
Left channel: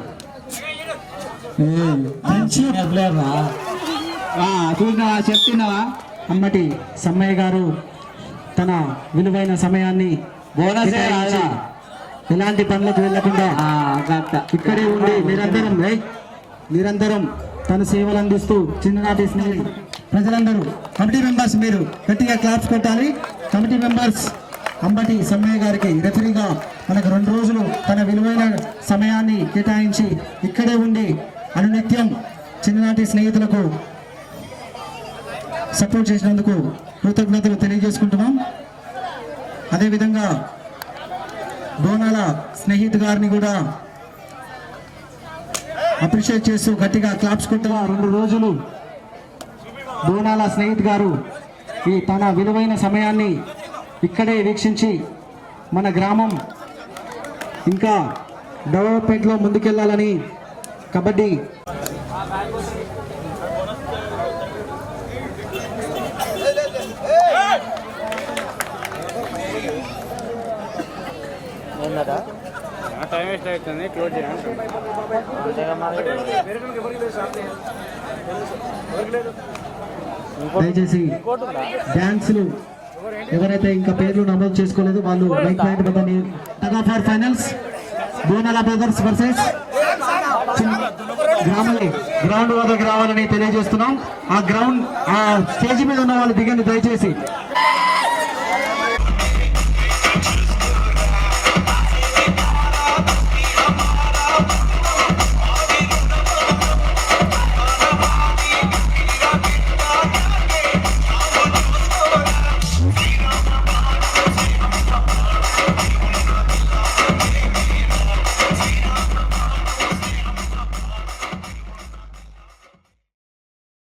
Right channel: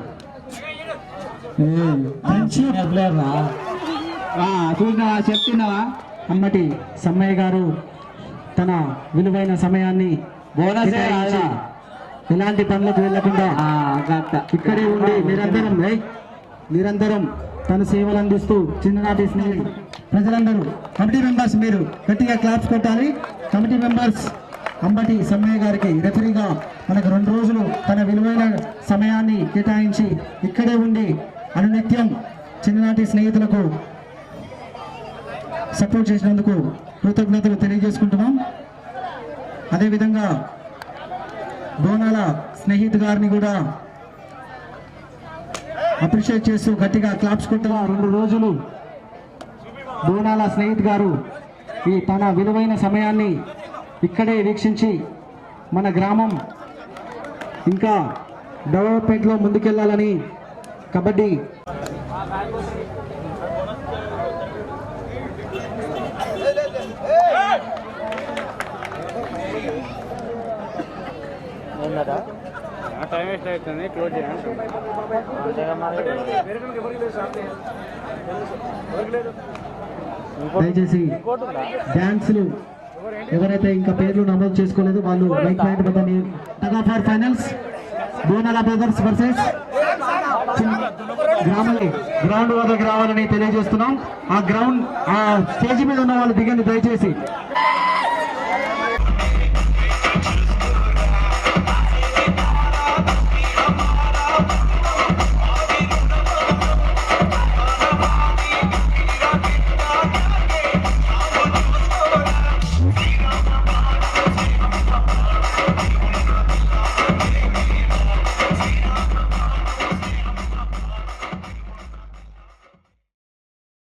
చూసినావా చెప్తున్నావా అమ్మటి సమ్మయ్య గారు తన విలువైన సమయాన్ని బోనస్ కేటాయించి ఎలాంటి పనులకు వెళ్లకుండా ఇక్కడే ఉండి నిరంతరం తన సేవలు అందిస్తూ చిన్ననాటి స్నేహి ప్రజలందరూ కమిటీ మెంబర్స్ మీరు గట్టిగా క్లాప్స్ కొట్టాలి కమిటీ మెంబర్స్ అంబటి సమ్మయ్య గారికి రెఫరీగా మనకు 2 రోజులు తన విలువైన సమయాన్ని కేటాయించి ఇక్కడే ఉండి అనునిత్యం చిన్ననాటి స్నేహితులకు సపోర్ట్ చేసినందుకు కృతజ్ఞతలు తెలియజేసుకుంటున్నాం. అదేవిధంగా బోనాల స్నేహితు గారిని కూడా అప్రిషియేట్ చేస్తూ గట్టిగా క్లాప్స్ కొట్టగా 2 రోజులు బోనాల స్నేహితు గారు ఈ తన విలువైన సమయాన్ని ఇక్కడే వీక్షించి మన గ్రామం ఇంకా డెవలప్మెంట్లో ముందుకెళ్లాలని కబడ్డీ టైం వేస్ట్ అవుతుంది క్లోజ్ దయచేసి డ్యాన్సులు ఎవరైతే ఇంకా పేర్లు నమోదు చేసుకోలేదు వాళ్ళు లైక్ పాయింట్ బటన్ టగాఫార్ ఫైనల్స్ బోనాల బ్రదర్స్ వర్సెస్ గ్రౌండ్ వద్దకు రావాలని తెలియజేస్తున్నాం. ఆ స్టేజ్ మీద ఉన్న వాళ్ళు దిగండి దయచేసి.